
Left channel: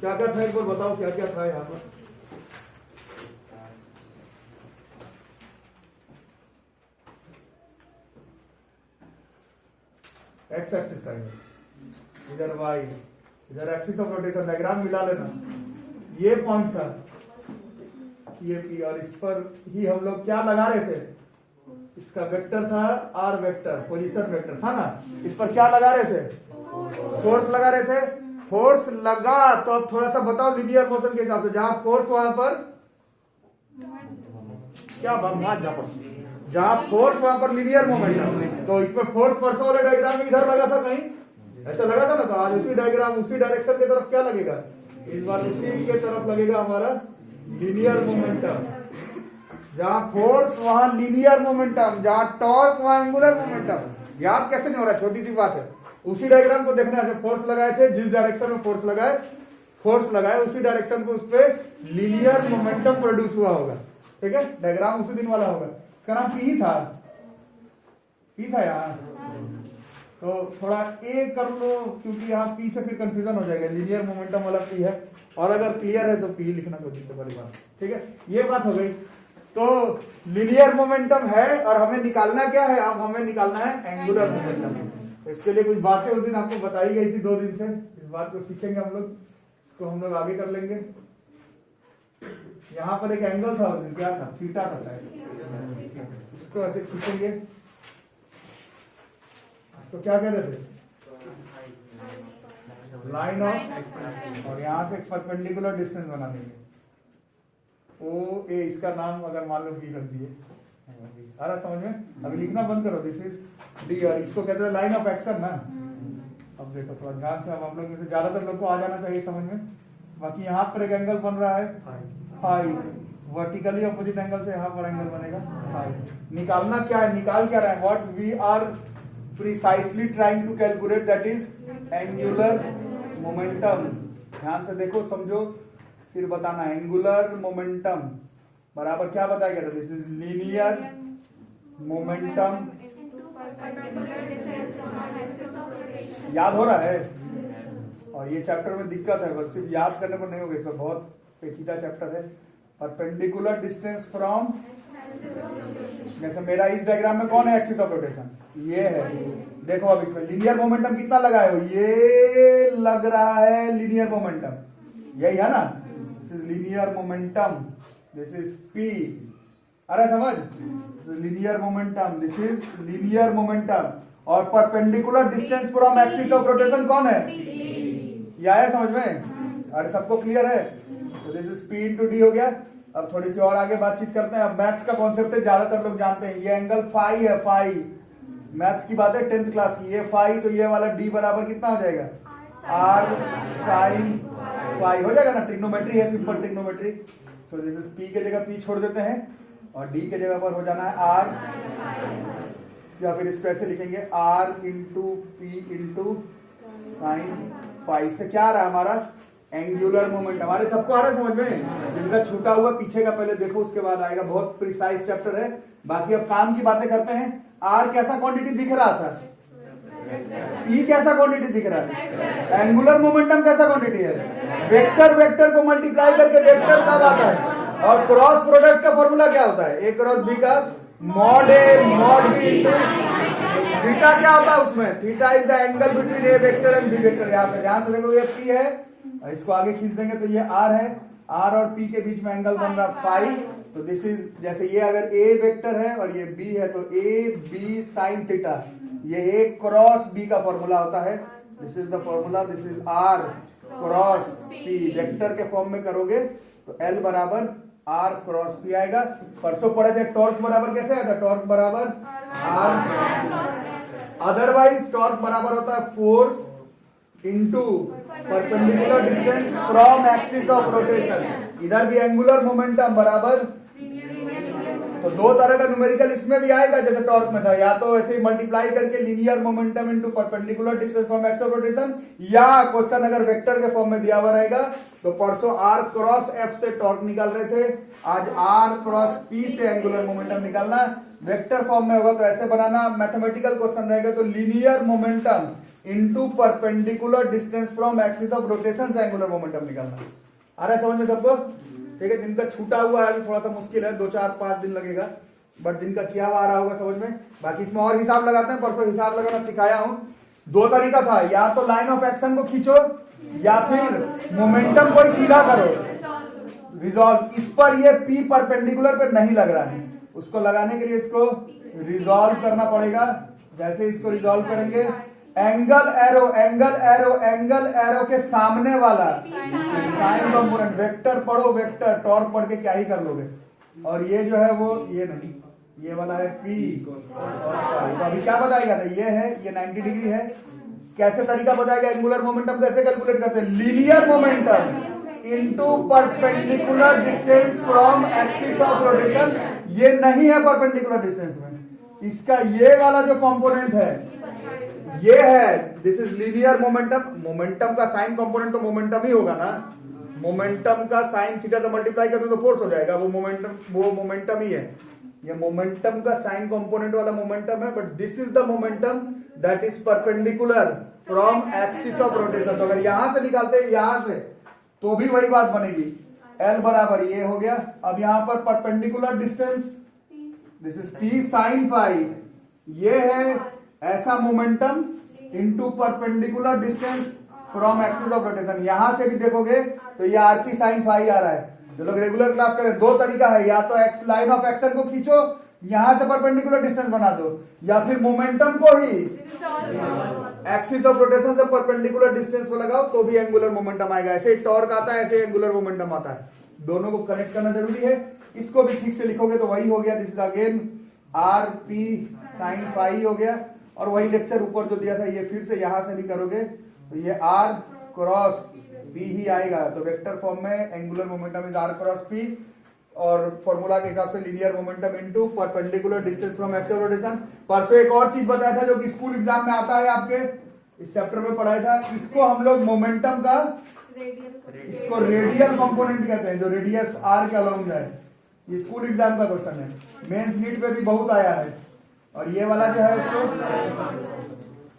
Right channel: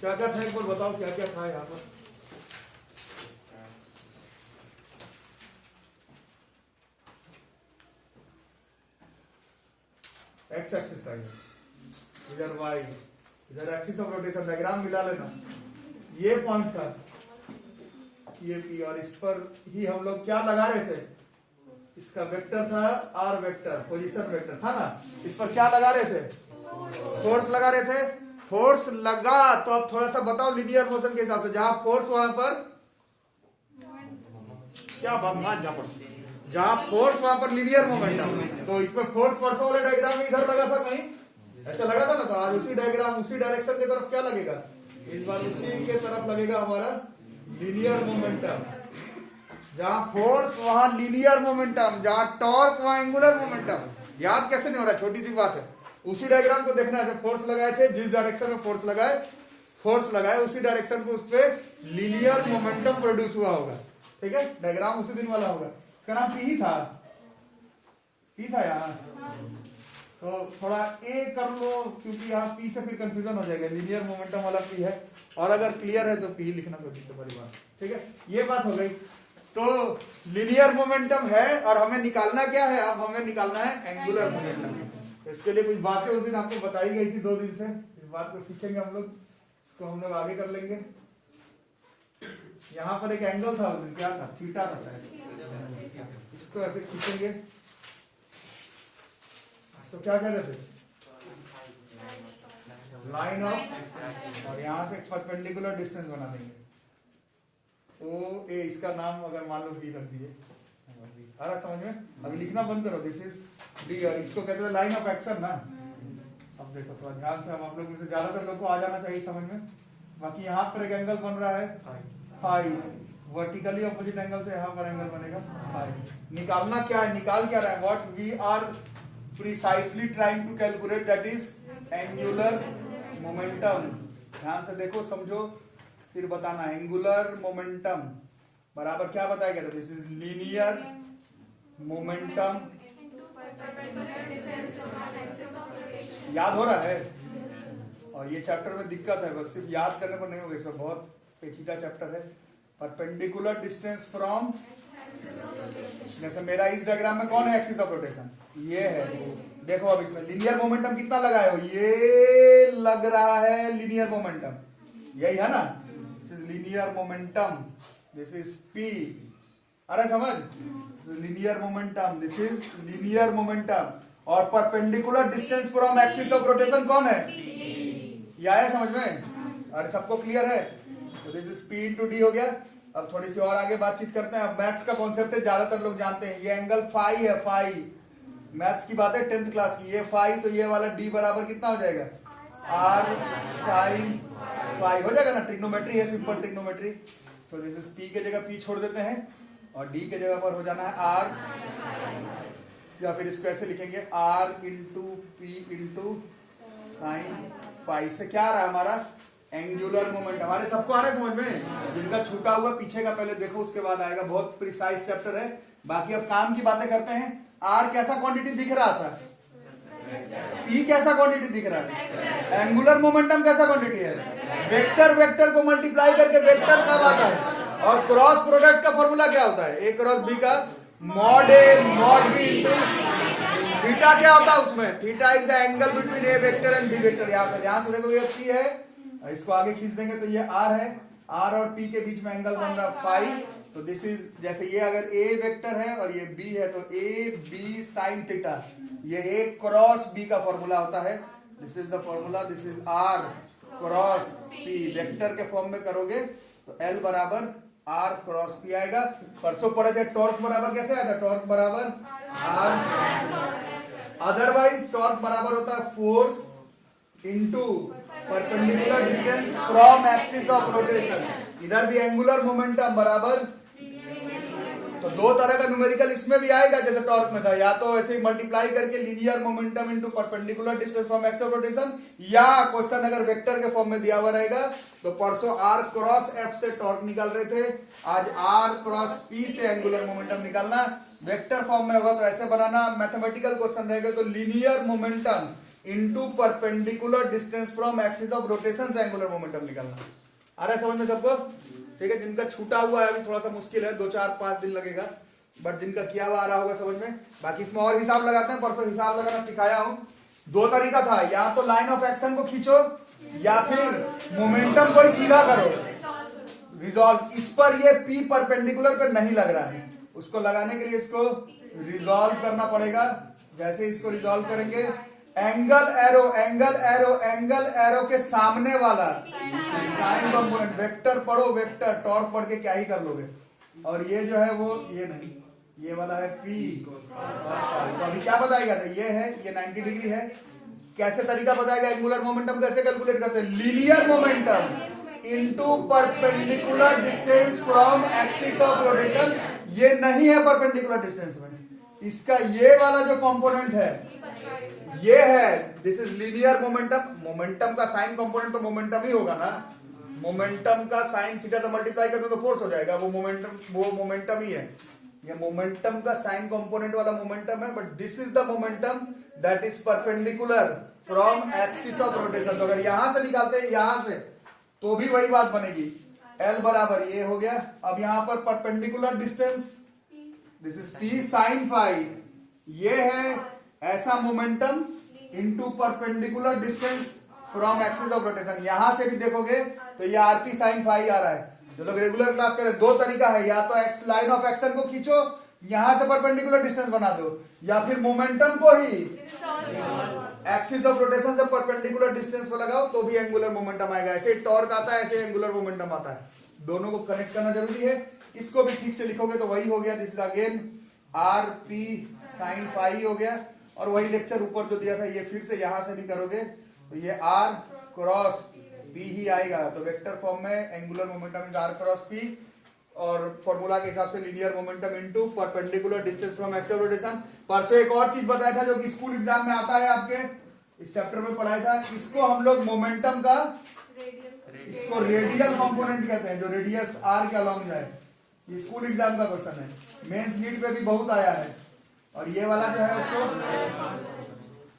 क्या क्या था एक बार बताओ, क्या क्या था यहाँ पर? एक्स एक्सिस था, इधर वाई, इधर एक्सिस ऑफ रोटेशन। डायग्राम मिला लेना। ये पॉइंट था, ये पी, और इस पर ही हम लोग क्या लगा रहे थे? इसका वेक्टर था आर वेक्टर, पोजीशन वेक्टर था ना। इस पर क्या लगा रहे थे? फोर्स लगा रहे थे। फोर्स लगा तो अब थोड़ा सा बताओ लीनियर मोशन के हिसाब से। जहां फोर्स वहां पर क्या जहां फोर्स वहां पर लीनियर मोमेंटम। तो इसमें फोर्स परसों वाले डायग्राम में इधर लगा था, कहीं ऐसा लगा था ना। तो आज उसी डायग्राम, उसी डायरेक्शन की तरफ क्या लगेगा? इस बार उसी के तरफ लगेगा हमारा लीनियर मोमेंटम। जहां फोर्स वहां लीनियर मोमेंटम, जहां टॉर्क वहां एंगुलर मोमेंटम। याद कैसे नहीं हो रहा? छोटी सी बात है। उसी डायग्राम को देखना है। फोर्स लगाए थे, जिस डायरेक्शन में फोर्स लगाए उसी डायरेक्शन पे उस पर लीनियर मोमेंटम प्रोड्यूस हुआ होगा। ठीक है, डायग्राम उसी दिन वाला होगा। इसका नाम पी था, यहाँ। तो थोड़ा ए कर लो, क्योंकि यहाँ पी से फिर कंफ्यूजन हो जाएगा। लीनियर मोमेंटम वाला पी है, और अगर क्लियर है तो पी लिखना कोई दिक्कत वाली बात। ठीक है, ये बात हो गई। तो लीनियर मोमेंटम है, और हमें निकालना क्या है? अब हमें निकालना है एंगुलर मोमेंटम। इसके लिए कुछ बातें उस दिन आपको बताई गई थी 2 दिन से। इस बात को सीखेंगे हम लोग, इसको हम लोग आगे कर लेंगे। यहाँ पर एक एंगल था उस दिन, क्या था? थीटा था शायद। इसको ऐसे खींचेंगे, इसको क्या कह रहे थे? लाइन ऑफ, और यहाँ से परपेंडिकुलर डिस्टेंस बना देंगे। ओ ए, इसका नाम अगर मान लो बी रख दिए। आ रहा समझ में? अभी लिखना बंद करो। दिस इज डी, और इसको कहते हैं लाइन ऑफ एक्शन ना। अब देखो थोड़ा ध्यान से, अब आप लोग में से ज्यादातर लोग को आ जाना चाहिए समझ में। बाकी यहाँ पर एक एंगल बन रहा है फाई, वर्टिकली अपोजिट एंगल से यहाँ पर एंगल बनेगा फाई। निकालना क्या है? निकाल क्या रहा है? What we are precisely trying to calculate, that is angular momentum. ध्यान से देखो, समझो, फिर बताना। एंगुलर मोमेंटम बराबर क्या बताया गया था? This is linear momentum. याद हो रहा है? और ये चैप्टर में दिक्कत है, बस सिर्फ याद करने पर नहीं होगा, इसमें बहुत एक ही का चैप्टर है। परपेंडिकुलर डिस्टेंस फ्रॉम, जैसे मेरा इस डायग्राम में कौन है एक्सिस ऑफ रोटेशन, ये है। देखो अब इसमें लीनियर मोमेंटम कितना लगा है, ये लग रहा है लीनियर मोमेंटम, यही है ना, this is linear momentum, this is P, अरे समझ, linear momentum, this is linear momentum. और perpendicular distance from axis of rotation कौन है, ये आया समझ में, अरे सबको क्लियर है। तो this is P into D हो गया। अब थोड़ी सी और आगे बातचीत करते हैं। अब मैथ्स का कॉन्सेप्ट है, ज्यादातर लोग जानते हैं, ये एंगल फाई है, फाई, मैथ्स की बात है 10th क्लास की, ये फाई, तो ये वाला डी बराबर कितना हो जाएगा, आर साइन फाई हो जाएगा ना, ट्रिग्नोमेट्री है, simple trigonometry. So this is P के जगह पी छोड़ देते हैं और डी के जगह पर हो जाना है आर, या फिर इसको ऐसे लिखेंगे R into P into sine phi. से क्या आ रहा है हमारा एंगुलर मोमेंट, हमारे सबको आ रहा है समझ में, जिनका छूटा हुआ पीछे का पहले देखो उसके बाद आएगा, बहुत प्रिसाइज चैप्टर है। बाकी अब काम की बातें करते हैं। आर कैसा क्वांटिटी दिख रहा था, ई कैसा क्वांटिटी दिख रहा है, एंगुलर मोमेंटम कैसा क्वांटिटी है, वेक्टर वेक्टर को मल्टीप्लाई करके वेक्टर कब आता है, और क्रॉस प्रोडक्ट का फॉर्मूला क्या होता है, ए क्रॉस बी का mod A mod B into theta क्या होता है उसमें, theta is the angle between A vector and B vector. यहाँ पे ध्यान से देखो ये पी है, इसको आगे खींच देंगे तो ये आर है, आर और पी के बीच में एंगल बन रहा फाई। तो दिस इज, जैसे ये अगर ए वेक्टर है और ये बी है तो ए बी साइन थीटा, ये ए क्रॉस बी का फॉर्मूला होता है, this is the formula, this is R cross P. Vector के फॉर्म में करोगे तो एल बराबर आर क्रॉस पी आएगा। परसों पढ़े थे टॉर्क बराबर कैसे आया था, टॉर्क बराबर आर, अदरवाइज टॉर्क बराबर होता है force into perpendicular distance from axis of rotation. इधर भी एंगुलर मोमेंटम बराबर, तो दो तरह का न्यूमेरिकल इसमें भी आएगा जैसे टॉर्क में था, या तो ऐसे मल्टीप्लाई करके linear momentum into perpendicular distance from axis of rotation, या क्वेश्चन अगर वेक्टर के फॉर्म में दिया हुआ रहेगा तो परसों आर क्रॉस एफ से टॉर्क निकाल रहे थे, आज आर क्रॉस पी से एंगुलर मोमेंटम निकालना। वेक्टर फॉर्म में होगा तो ऐसे बनाना, मैथमेटिकल क्वेश्चन रहेगा तो linear momentum into perpendicular distance from axis of rotation से एंगुलर मोमेंटम निकालना। आ रहा है समझ में सबको, ठीक है। जिनका छूटा हुआ है अभी थोड़ा सा मुश्किल है, 2-4-5 दिन लगेगा, बट जिनका किया हुआ आ रहा होगा समझ में। बाकी इसमें और हिसाब लगाते हैं, परसों हिसाब लगाना सिखाया हूं। दो तरीका था, या तो लाइन ऑफ एक्शन को खींचो या फिर मोमेंटम को सीधा करो, रिजॉल्व। इस पर ये पी परपेंडिकुलर पर नहीं लग रहा है, उसको लगाने के लिए इसको रिजॉल्व करना पड़ेगा। जैसे इसको रिजॉल्व करेंगे, angle arrow angle arrow angle arrow के सामने वाला साइन कंपोनेंट, वेक्टर पढ़ो, वेक्टर टॉर्क पढ़ के क्या ही कर लोगे। और ये जो है वो ये नहीं, ये वाला है पी, तो अभी क्या बताएगा, तो ये है, ये 90 डिग्री है। कैसे तरीका बताएगा, एंगुलर मोमेंटम कैसे कैलकुलेट करते हैं, linear momentum into perpendicular distance from axis of rotation. ये नहीं है परपेंडिकुलर डिस्टेंस में, इसका ये वाला जो कंपोनेंट है ये है, this is linear momentum. Momentum का साइन कंपोनेंट तो मोमेंटम ही होगा ना, मोमेंटम का साइन थीटा से मल्टीप्लाई करते तो फोर्स हो जाएगा, वो मोमेंटम ही है। ये मोमेंटम का साइन कंपोनेंट वाला मोमेंटम है, but this is the momentum that is perpendicular from axis of rotation. तो अगर यहां से निकालते हैं यहां से तो भी वही बात बनेगी, एल बराबर ये हो गया। अब यहां पर perpendicular distance, this is P sine phi, ये है ऐसा momentum into perpendicular distance from axis of rotation. यहां से भी देखोगे तो ये आरपी साइन फाई आ रहा है। जो लोग रेगुलर क्लास करें, दो तरीका है, या तो एक्स लाइन ऑफ एक्शन को खींचो, यहां से परपेंडिकुलर डिस्टेंस बना दो, या फिर मोमेंटम को ही एक्सिस ऑफ रोटेशन से परपेंडिकुलर डिस्टेंस पे लगाओ तो भी एंगुलर मोमेंटम आएगा। ऐसे टॉर्क आता है, ऐसे एंगुलर मोमेंटम आता है, दोनों को कनेक्ट करना जरूरी है। इसको भी ठीक से लिखोगे तो वही हो गया, this is again R P sine phi हो गया। और वही लेक्चर ऊपर जो दिया था ये फिर से यहां से भी करोगे तो ये आर क्रॉस पी ही आएगा। तो वेक्टर फॉर्म में angular momentum is R cross P, और फॉर्मूला के हिसाब से linear momentum into perpendicular distance from axis of rotation. परसों एक और चीज बताया था जो कि स्कूल एग्जाम में आता है, आपके इस चैप्टर में पढ़ाया था, इसको हम लोग मोमेंटम का, इसको रेडियल कंपोनेंट कहते हैं, जो रेडियस आर के अलोंग जाए। ये स्कूल एग्जाम का क्वेश्चन है, मेंस नीट पे भी बहुत आया है। और ये वाला जो है उसको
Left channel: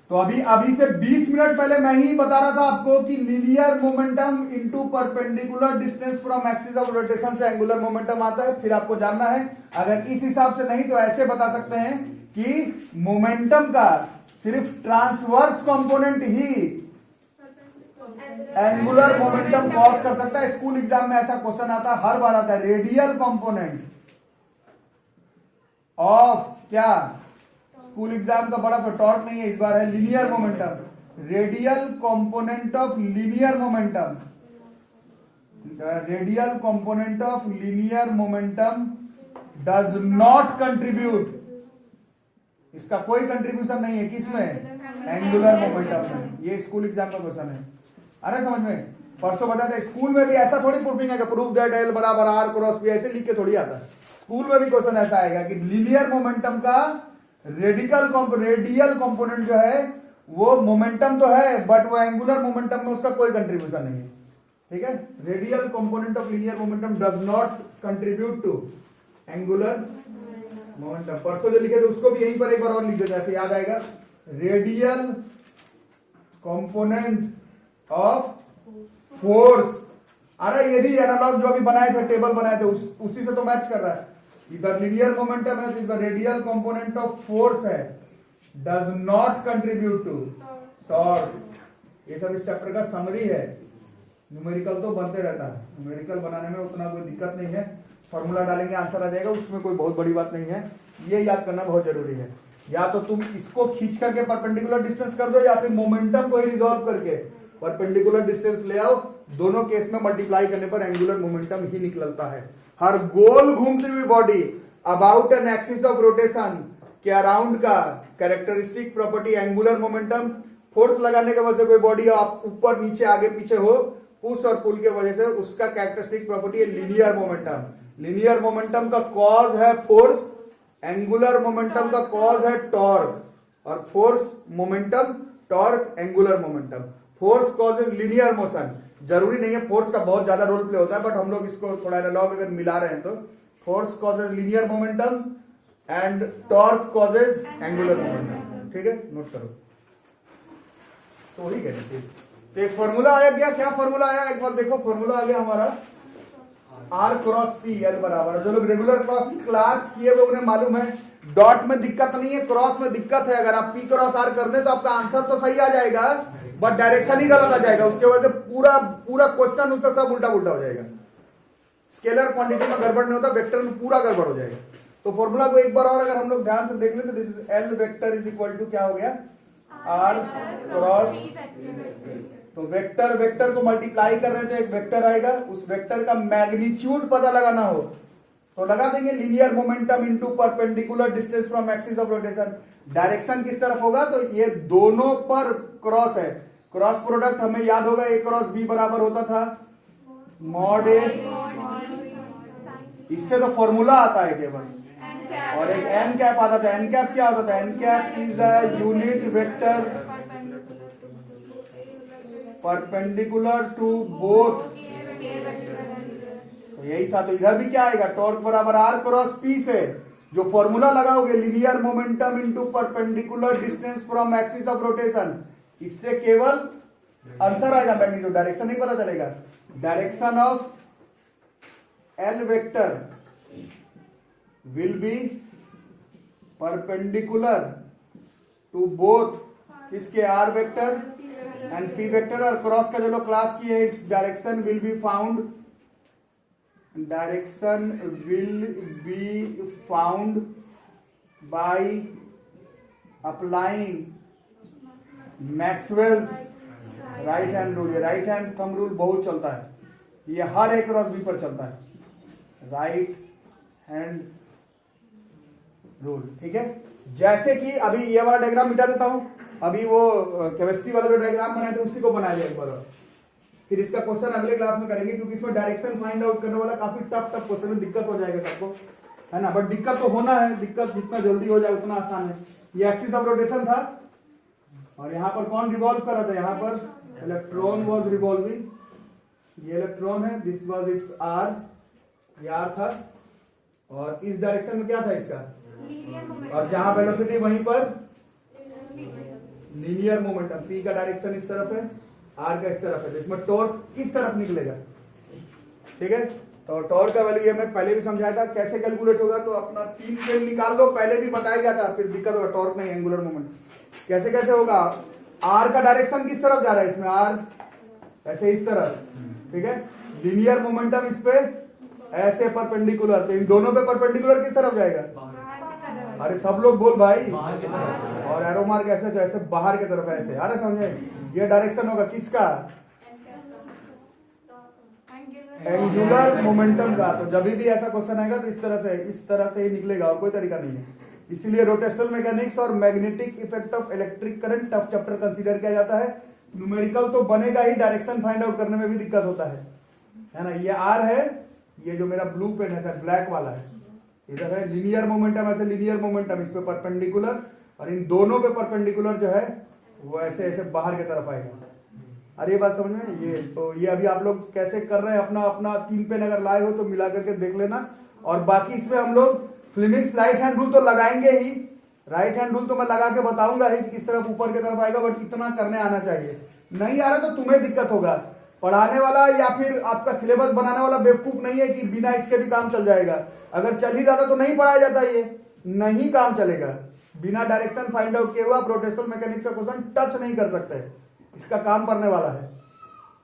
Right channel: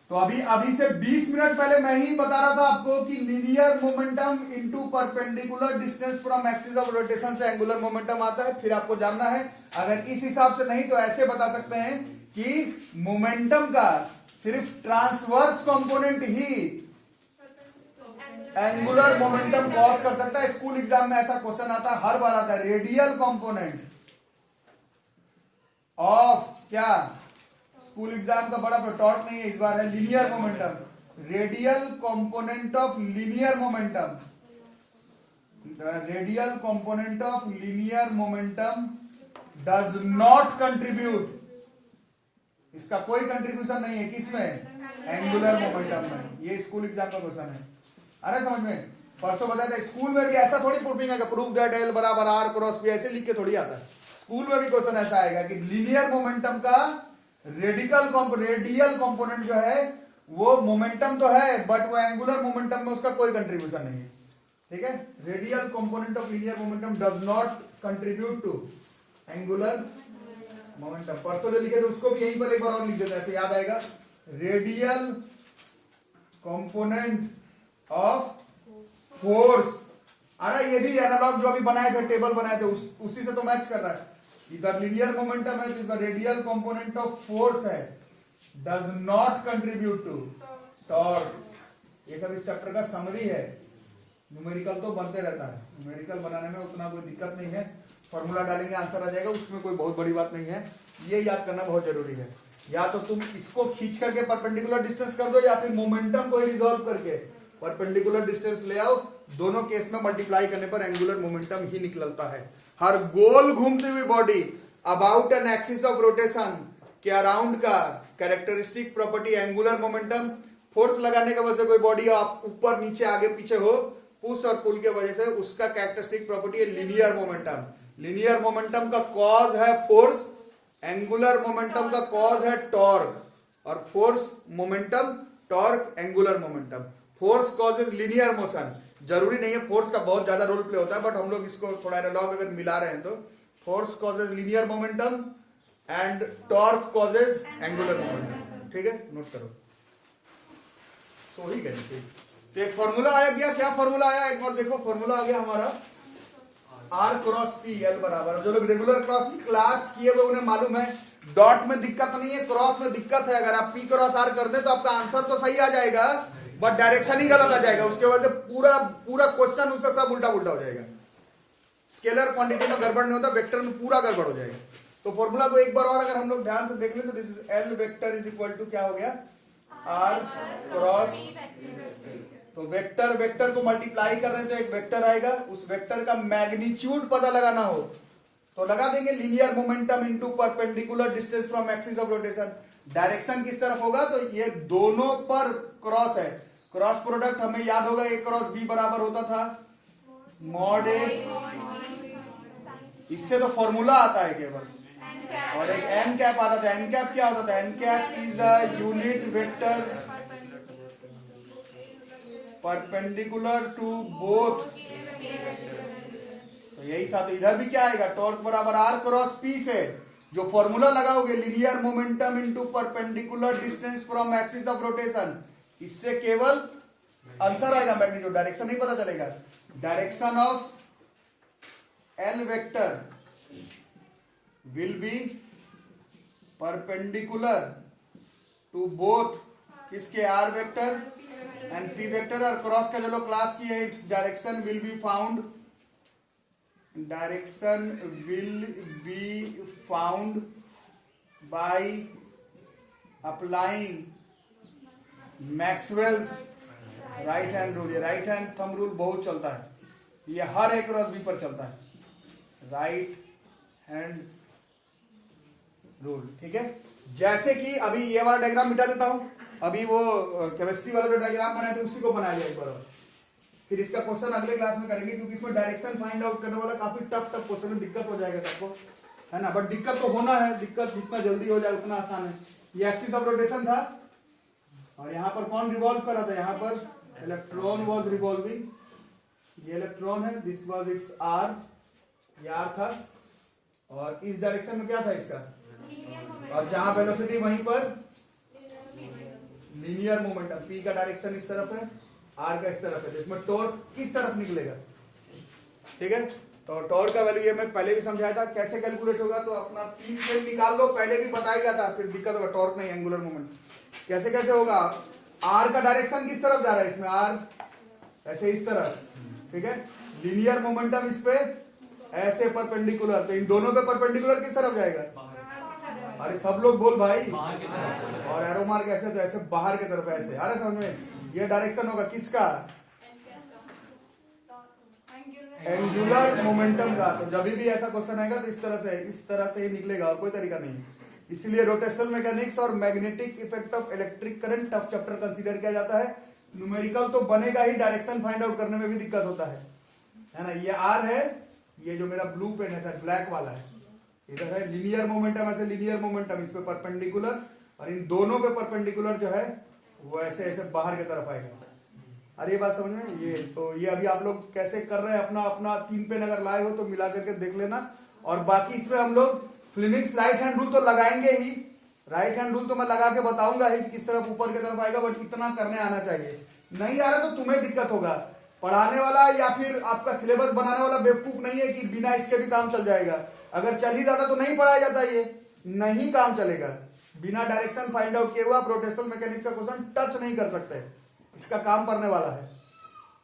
तो अभी से 20 मिनट पहले मैं ही बता रहा था आपको कि linear momentum into perpendicular distance from axis of rotation से एंगुलर मोमेंटम आता है। फिर आपको जानना है, अगर इस हिसाब से नहीं तो ऐसे बता सकते हैं कि मोमेंटम का सिर्फ ट्रांसवर्स कंपोनेंट ही एंगुलर मोमेंटम कॉज कर सकता है। स्कूल एग्जाम में ऐसा क्वेश्चन आता है, हर बार आता है। रेडियल कंपोनेंट ऑफ क्या, स्कूल एग्जाम का बड़ा टॉर्क नहीं है इस बार, है linear momentum. Radial component of linear momentum, radial component of linear momentum does not contribute, इसका कोई कंट्रीब्यूशन नहीं है किसमें, एंगुलर मोमेंटम में। ये स्कूल एग्जाम का क्वेश्चन है। अरे समझ में, परसों बता दे, स्कूल में भी ऐसा थोड़ी प्रूफिंग है कि प्रूफ दैट एल बराबर आर क्रॉस पी, ऐसे लिख के थोड़ी आता है। स्कूल में भी क्वेश्चन ऐसा आएगा कि लीनियर मोमेंटम का रेडियल कंपोनेंट जो है वो मोमेंटम तो है, बट वो एंगुलर मोमेंटम में उसका कोई कंट्रीब्यूशन नहीं है। ठीक है, radial component of linear momentum does not contribute to angular momentum. परसों जो लिखे थे उसको भी यहीं पर एक बार और लिख देता, ऐसे याद आएगा। रेडियल कंपोनेंट ऑफ फोर्स, अरे ये भी एनालॉग जो अभी बनाए थे, टेबल बनाए थे, उसी से तो मैच कर रहा है। इधर लीनियर मोमेंटम है तो इधर रेडियल कंपोनेंट ऑफ फोर्स है, does not contribute to torque. ये सब इस चैप्टर का समरी है। न्यूमेरिकल तो बनते रहता है, न्यूमेरिकल बनाने में उतना कोई दिक्कत नहीं है, फॉर्मूला डालेंगे आंसर आ जाएगा, उसमें कोई बहुत बड़ी बात नहीं है। ये याद करना बहुत जरूरी है। या तो तुम इसको खींच करके परपेंडिकुलर डिस्टेंस कर दो, या फिर मोमेंटम को ही रिजॉल्व करके परपेंडिकुलर डिस्टेंस ले आओ। दोनों केस में मल्टीप्लाई करने पर एंगुलर मोमेंटम ही निकलता है। हर गोल घूमती हुई body about an axis of rotation के अराउंड का characteristic property angular momentum. Force लगाने के वजह से कोई बॉडी आप ऊपर नीचे आगे पीछे हो, पुश और पुल के वजह से, उसका कैरेक्टरिस्टिक प्रॉपर्टी है लीनियर मोमेंटम। लीनियर मोमेंटम का कॉज है फोर्स, एंगुलर मोमेंटम का कॉज है टॉर्क, और force momentum, torque angular momentum. Force causes linear motion. जरूरी नहीं है फोर्स का बहुत ज्यादा रोल प्ले होता है, बट हम लोग इसको थोड़ा एनालॉग अगर मिला रहे हैं तो force causes linear momentum and torque causes angular momentum. ठीक है, नोट करो। सो ही करें। तो एक फॉर्मूला आया गया, क्या फॉर्मूला आया एक बार देखो। फॉर्मूला आ गया हमारा आर क्रॉस पी एल बराबर, जो लोग रेगुलर क्लास किए हुए उन्हें मालूम है, डॉट में दिक्कत नहीं है, क्रॉस में दिक्कत है। अगर आप पी क्रॉस आर कर दें तो आपका आंसर तो सही आ जाएगा, बट डायरेक्शन ही गलत आ जाएगा। उसके वजह से पूरा क्वेश्चन उससे सब उल्टा पुल्टा हो जाएगा। स्केलर क्वांटिटी में गड़बड़ नहीं होता, वेक्टर में पूरा गड़बड़ हो जाएगा। तो फॉर्मूला को एक बार और अगर हम लोग ध्यान से देख लें तो this is L vector is equal to क्या हो गया, आर क्रॉस। तो वेक्टर को मल्टीप्लाई कर रहे थे, एक वेक्टर आएगा, उस वेक्टर का मैग्नीट्यूड पता लगाना हो तो लगा देंगे linear momentum into perpendicular distance from axis of rotation. Direction किस तरफ होगा, तो ये दोनों पर क्रॉस है। क्रॉस प्रोडक्ट हमें याद होगा, ए क्रॉस बी बराबर होता था मॉड ए। इससे तो फॉर्मूला आता है केवल, और एक एन कैप आता था। एन कैप क्या होता था, N cap is a unit vector perpendicular to both. तो यही था। तो इधर भी क्या आएगा, टॉर्क बराबर आर क्रॉस पी से जो फॉर्मूला लगाओगे linear momentum into perpendicular distance from axis of rotation, इससे केवल आंसर आएगा, मैग्नीट्यूड, डायरेक्शन नहीं पता चलेगा। Direction of L vector will be perpendicular to both किसके, R vector and P vector. और क्रॉस का जो लोग क्लास की है, its direction will be found, direction will be found by applying Maxwell's right hand rule. ये right hand thumb rule बहुत चलता है, ये हर एक क्रॉस बी पर चलता है, राइट हैंड रूल। ठीक है, जैसे कि अभी ये वाला डायग्राम मिटा देता हूं, अभी वो केमिस्ट्री वाला जो डायग्राम बनाए थे उसी को बनाया जाए एक बार, फिर इसका क्वेश्चन अगले क्लास में करेंगे, क्योंकि इसमें डायरेक्शन फाइंड आउट करने वाला काफी टफ क्वेश्चन है, दिक्कत हो जाएगा सबको, है ना। बट दिक्कत तो होना है, दिक्कत जितना जल्दी हो जाए उतना आसान है। ये एक्सिस ऑफ रोटेशन था, और यहाँ पर कौन रिवॉल्व कर रहा था, यहाँ पर इलेक्ट्रॉन वाज रिवॉल्विंग। ये इलेक्ट्रॉन है, दिस वाज इट्स आर, ये आर था, और इस डायरेक्शन में क्या था इसका, और जहां वेलोसिटी वहीं पर लीनियर मोमेंटम, पी का डायरेक्शन इस तरफ है, आर का इस तरफ है, तो इसमें टॉर्क किस तरफ निकलेगा, ठीक है। तो टॉर्क का वैल्यू ये मैं पहले भी समझाया था कैसे कैलकुलेट होगा, तो अपना 3 पेन निकाल लो, पहले भी बताया गया था, फिर दिक्कत होगा, टॉर्क नहीं एंगुलर मोमेंट कैसे कैसे होगा। आर का डायरेक्शन किस तरफ जा रहा है, इसमें आर ऐसे इस तरफ, ठीक है। लीनियर मोमेंटम इस पे ऐसे परपेंडिकुलर, तो इन दोनों पे परपेंडिकुलर किस तरफ जाएगा, अरे सब लोग बोल भाई, और एरो मार्क ऐसे, तो ऐसे बाहर की तरफ ऐसे, अरे समझ में, ये डायरेक्शन होगा किसका, एंगुलर मोमेंटम का। तो जब भी ऐसा क्वेश्चन आएगा तो इस तरह से ही निकलेगा, और कोई तरीका नहीं है। इसीलिए रोटेशनल मैकेनिक्स और magnetic effect of electric current tough chapter consider किया जाता है। न्यूमेरिकल तो बनेगा ही, डायरेक्शन फाइंड आउट करने में भी दिक्कत होता है ना। ये आर है, ये जो मेरा ब्लू पेन है सर ब्लैक वाला है, इधर है लीनियर मोमेंटम, ऐसे लीनियर मोमेंटम इस पे परपेंडिकुलर, और इन दोनों पे परपेंडिकुलर जो है वो ऐसे ऐसे बाहर की तरफ आएगा। अरे ये बात समझ में, ये तो ये अभी आप लोग कैसे कर रहे हैं, अपना अपना 3 पेन अगर लाए हो तो मिला करके देख लेना। और बाकी इसमें हम लोग फ्लेमिंग्स राइट हैंड रूल तो लगाएंगे ही, राइट हैंड रूल तो मैं लगा के बताऊंगा ही कि किस तरफ ऊपर की तरफ आएगा, बट इतना करने आना चाहिए। नहीं आ रहा तो तुम्हें दिक्कत होगा, पढ़ाने वाला या फिर आपका सिलेबस बनाने वाला बेवकूफ नहीं है कि बिना इसके भी काम चल जाएगा। अगर चल ही जाता तो नहीं पढ़ाया जाता, ये नहीं काम चलेगा। बिना डायरेक्शन फाइंड आउट किए हुआ आप रोटेशनल मैकेनिक्स का क्वेश्चन टच नहीं कर सकते, इसका काम करने वाला है,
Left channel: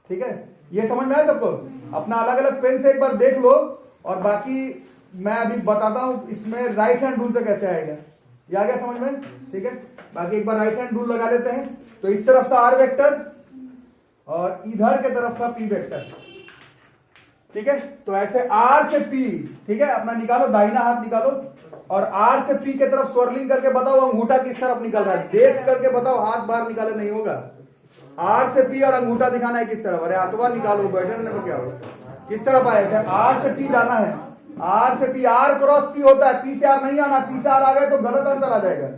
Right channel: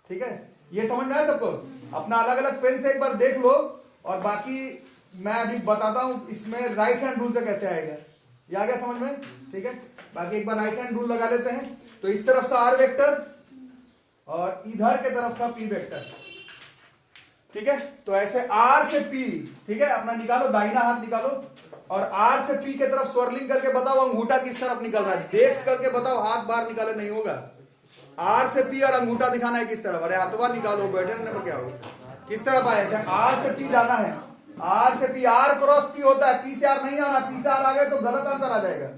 ठीक है। ये समझ में आया सबको, अपना अलग अलग पेन से एक बार देख लो, और बाकी मैं अभी बताता हूं इसमें राइट हैंड रूल से कैसे आएगा, ये आ गया समझ में, ठीक है। बाकी एक बार राइट हैंड रूल लगा लेते हैं। तो इस तरफ था आर वेक्टर और इधर की तरफ था पी वेक्टर, ठीक है। तो ऐसे आर से पी, ठीक है, अपना निकालो, दाहिना हाथ निकालो, और आर से पी की तरफ स्वर्लिंग करके बताओ अंगूठा किस तरफ निकल रहा है, देख करके बताओ, हाथ बाहर निकाले नहीं होगा। आर से पी और अंगूठा दिखाना है किस तरफ, अरे हाथवा निकालो, बैठे रहने पर क्या होगा, किस तरफ आए सर, आर से पी जाना है, आर से पी, आर क्रॉस पी होता है, पी से आर नहीं आना, पी से आर आ गए तो गलत आंसर आ जाएगा।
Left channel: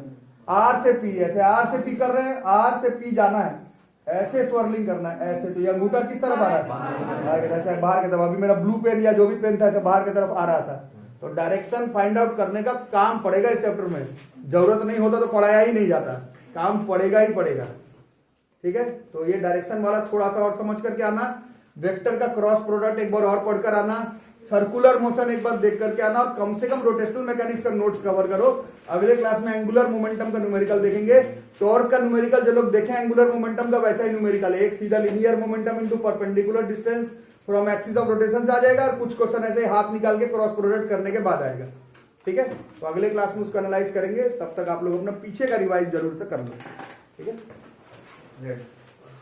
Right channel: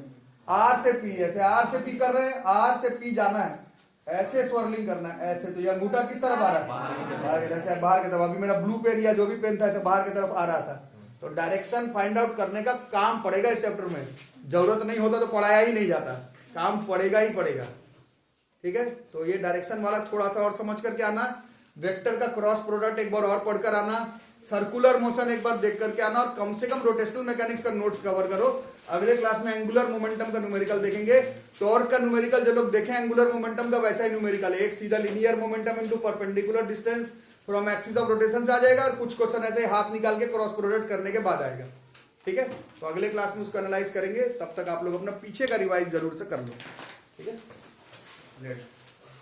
आर से पी, ऐसे आर से पी कर रहे हैं, आर से पी जाना है, ऐसे स्वर्लिंग करना है ऐसे। तो ये अंगूठा किस तरफ आ रहा है, बाहर की तरफ। अभी मेरा ब्लू पेन या जो भी पेन था ऐसे बाहर की तरफ आ रहा था। तो डायरेक्शन फाइंड आउट करने का काम पड़ेगा इस चैप्टर में, जरूरत नहीं होता तो पढ़ाया ही नहीं जाता, काम पड़ेगा ही पड़ेगा, ठीक है। तो ये डायरेक्शन वाला थोड़ा सा और समझ करके आना, वेक्टर का क्रॉस प्रोडक्ट एक बार और पढ़कर आना, सर्कुलर मोशन एक बार देख करके आना, और कम से कम रोटेशनल मैकेनिक्स का नोट्स कवर करो। अगले क्लास में एंगुलर मोमेंटम का न्यूमेरिकल देखेंगे, टॉर्क का न्यूमेरिकल जो लोग देखें एंगुलर मोमेंटम का वैसा ही न्यूमेरिकल, एक सीधा linear momentum into perpendicular distance from axis of rotation से आ जाएगा, और कुछ क्वेश्चन ऐसे हाथ निकाल के क्रॉस प्रोडक्ट करने के बाद आएगा, ठीक है। तो अगले क्लास में उसका एनालाइज करेंगे, तब तक आप लोग अपना पीछे का रिवाइज जरूर से कर लें, ठीक है।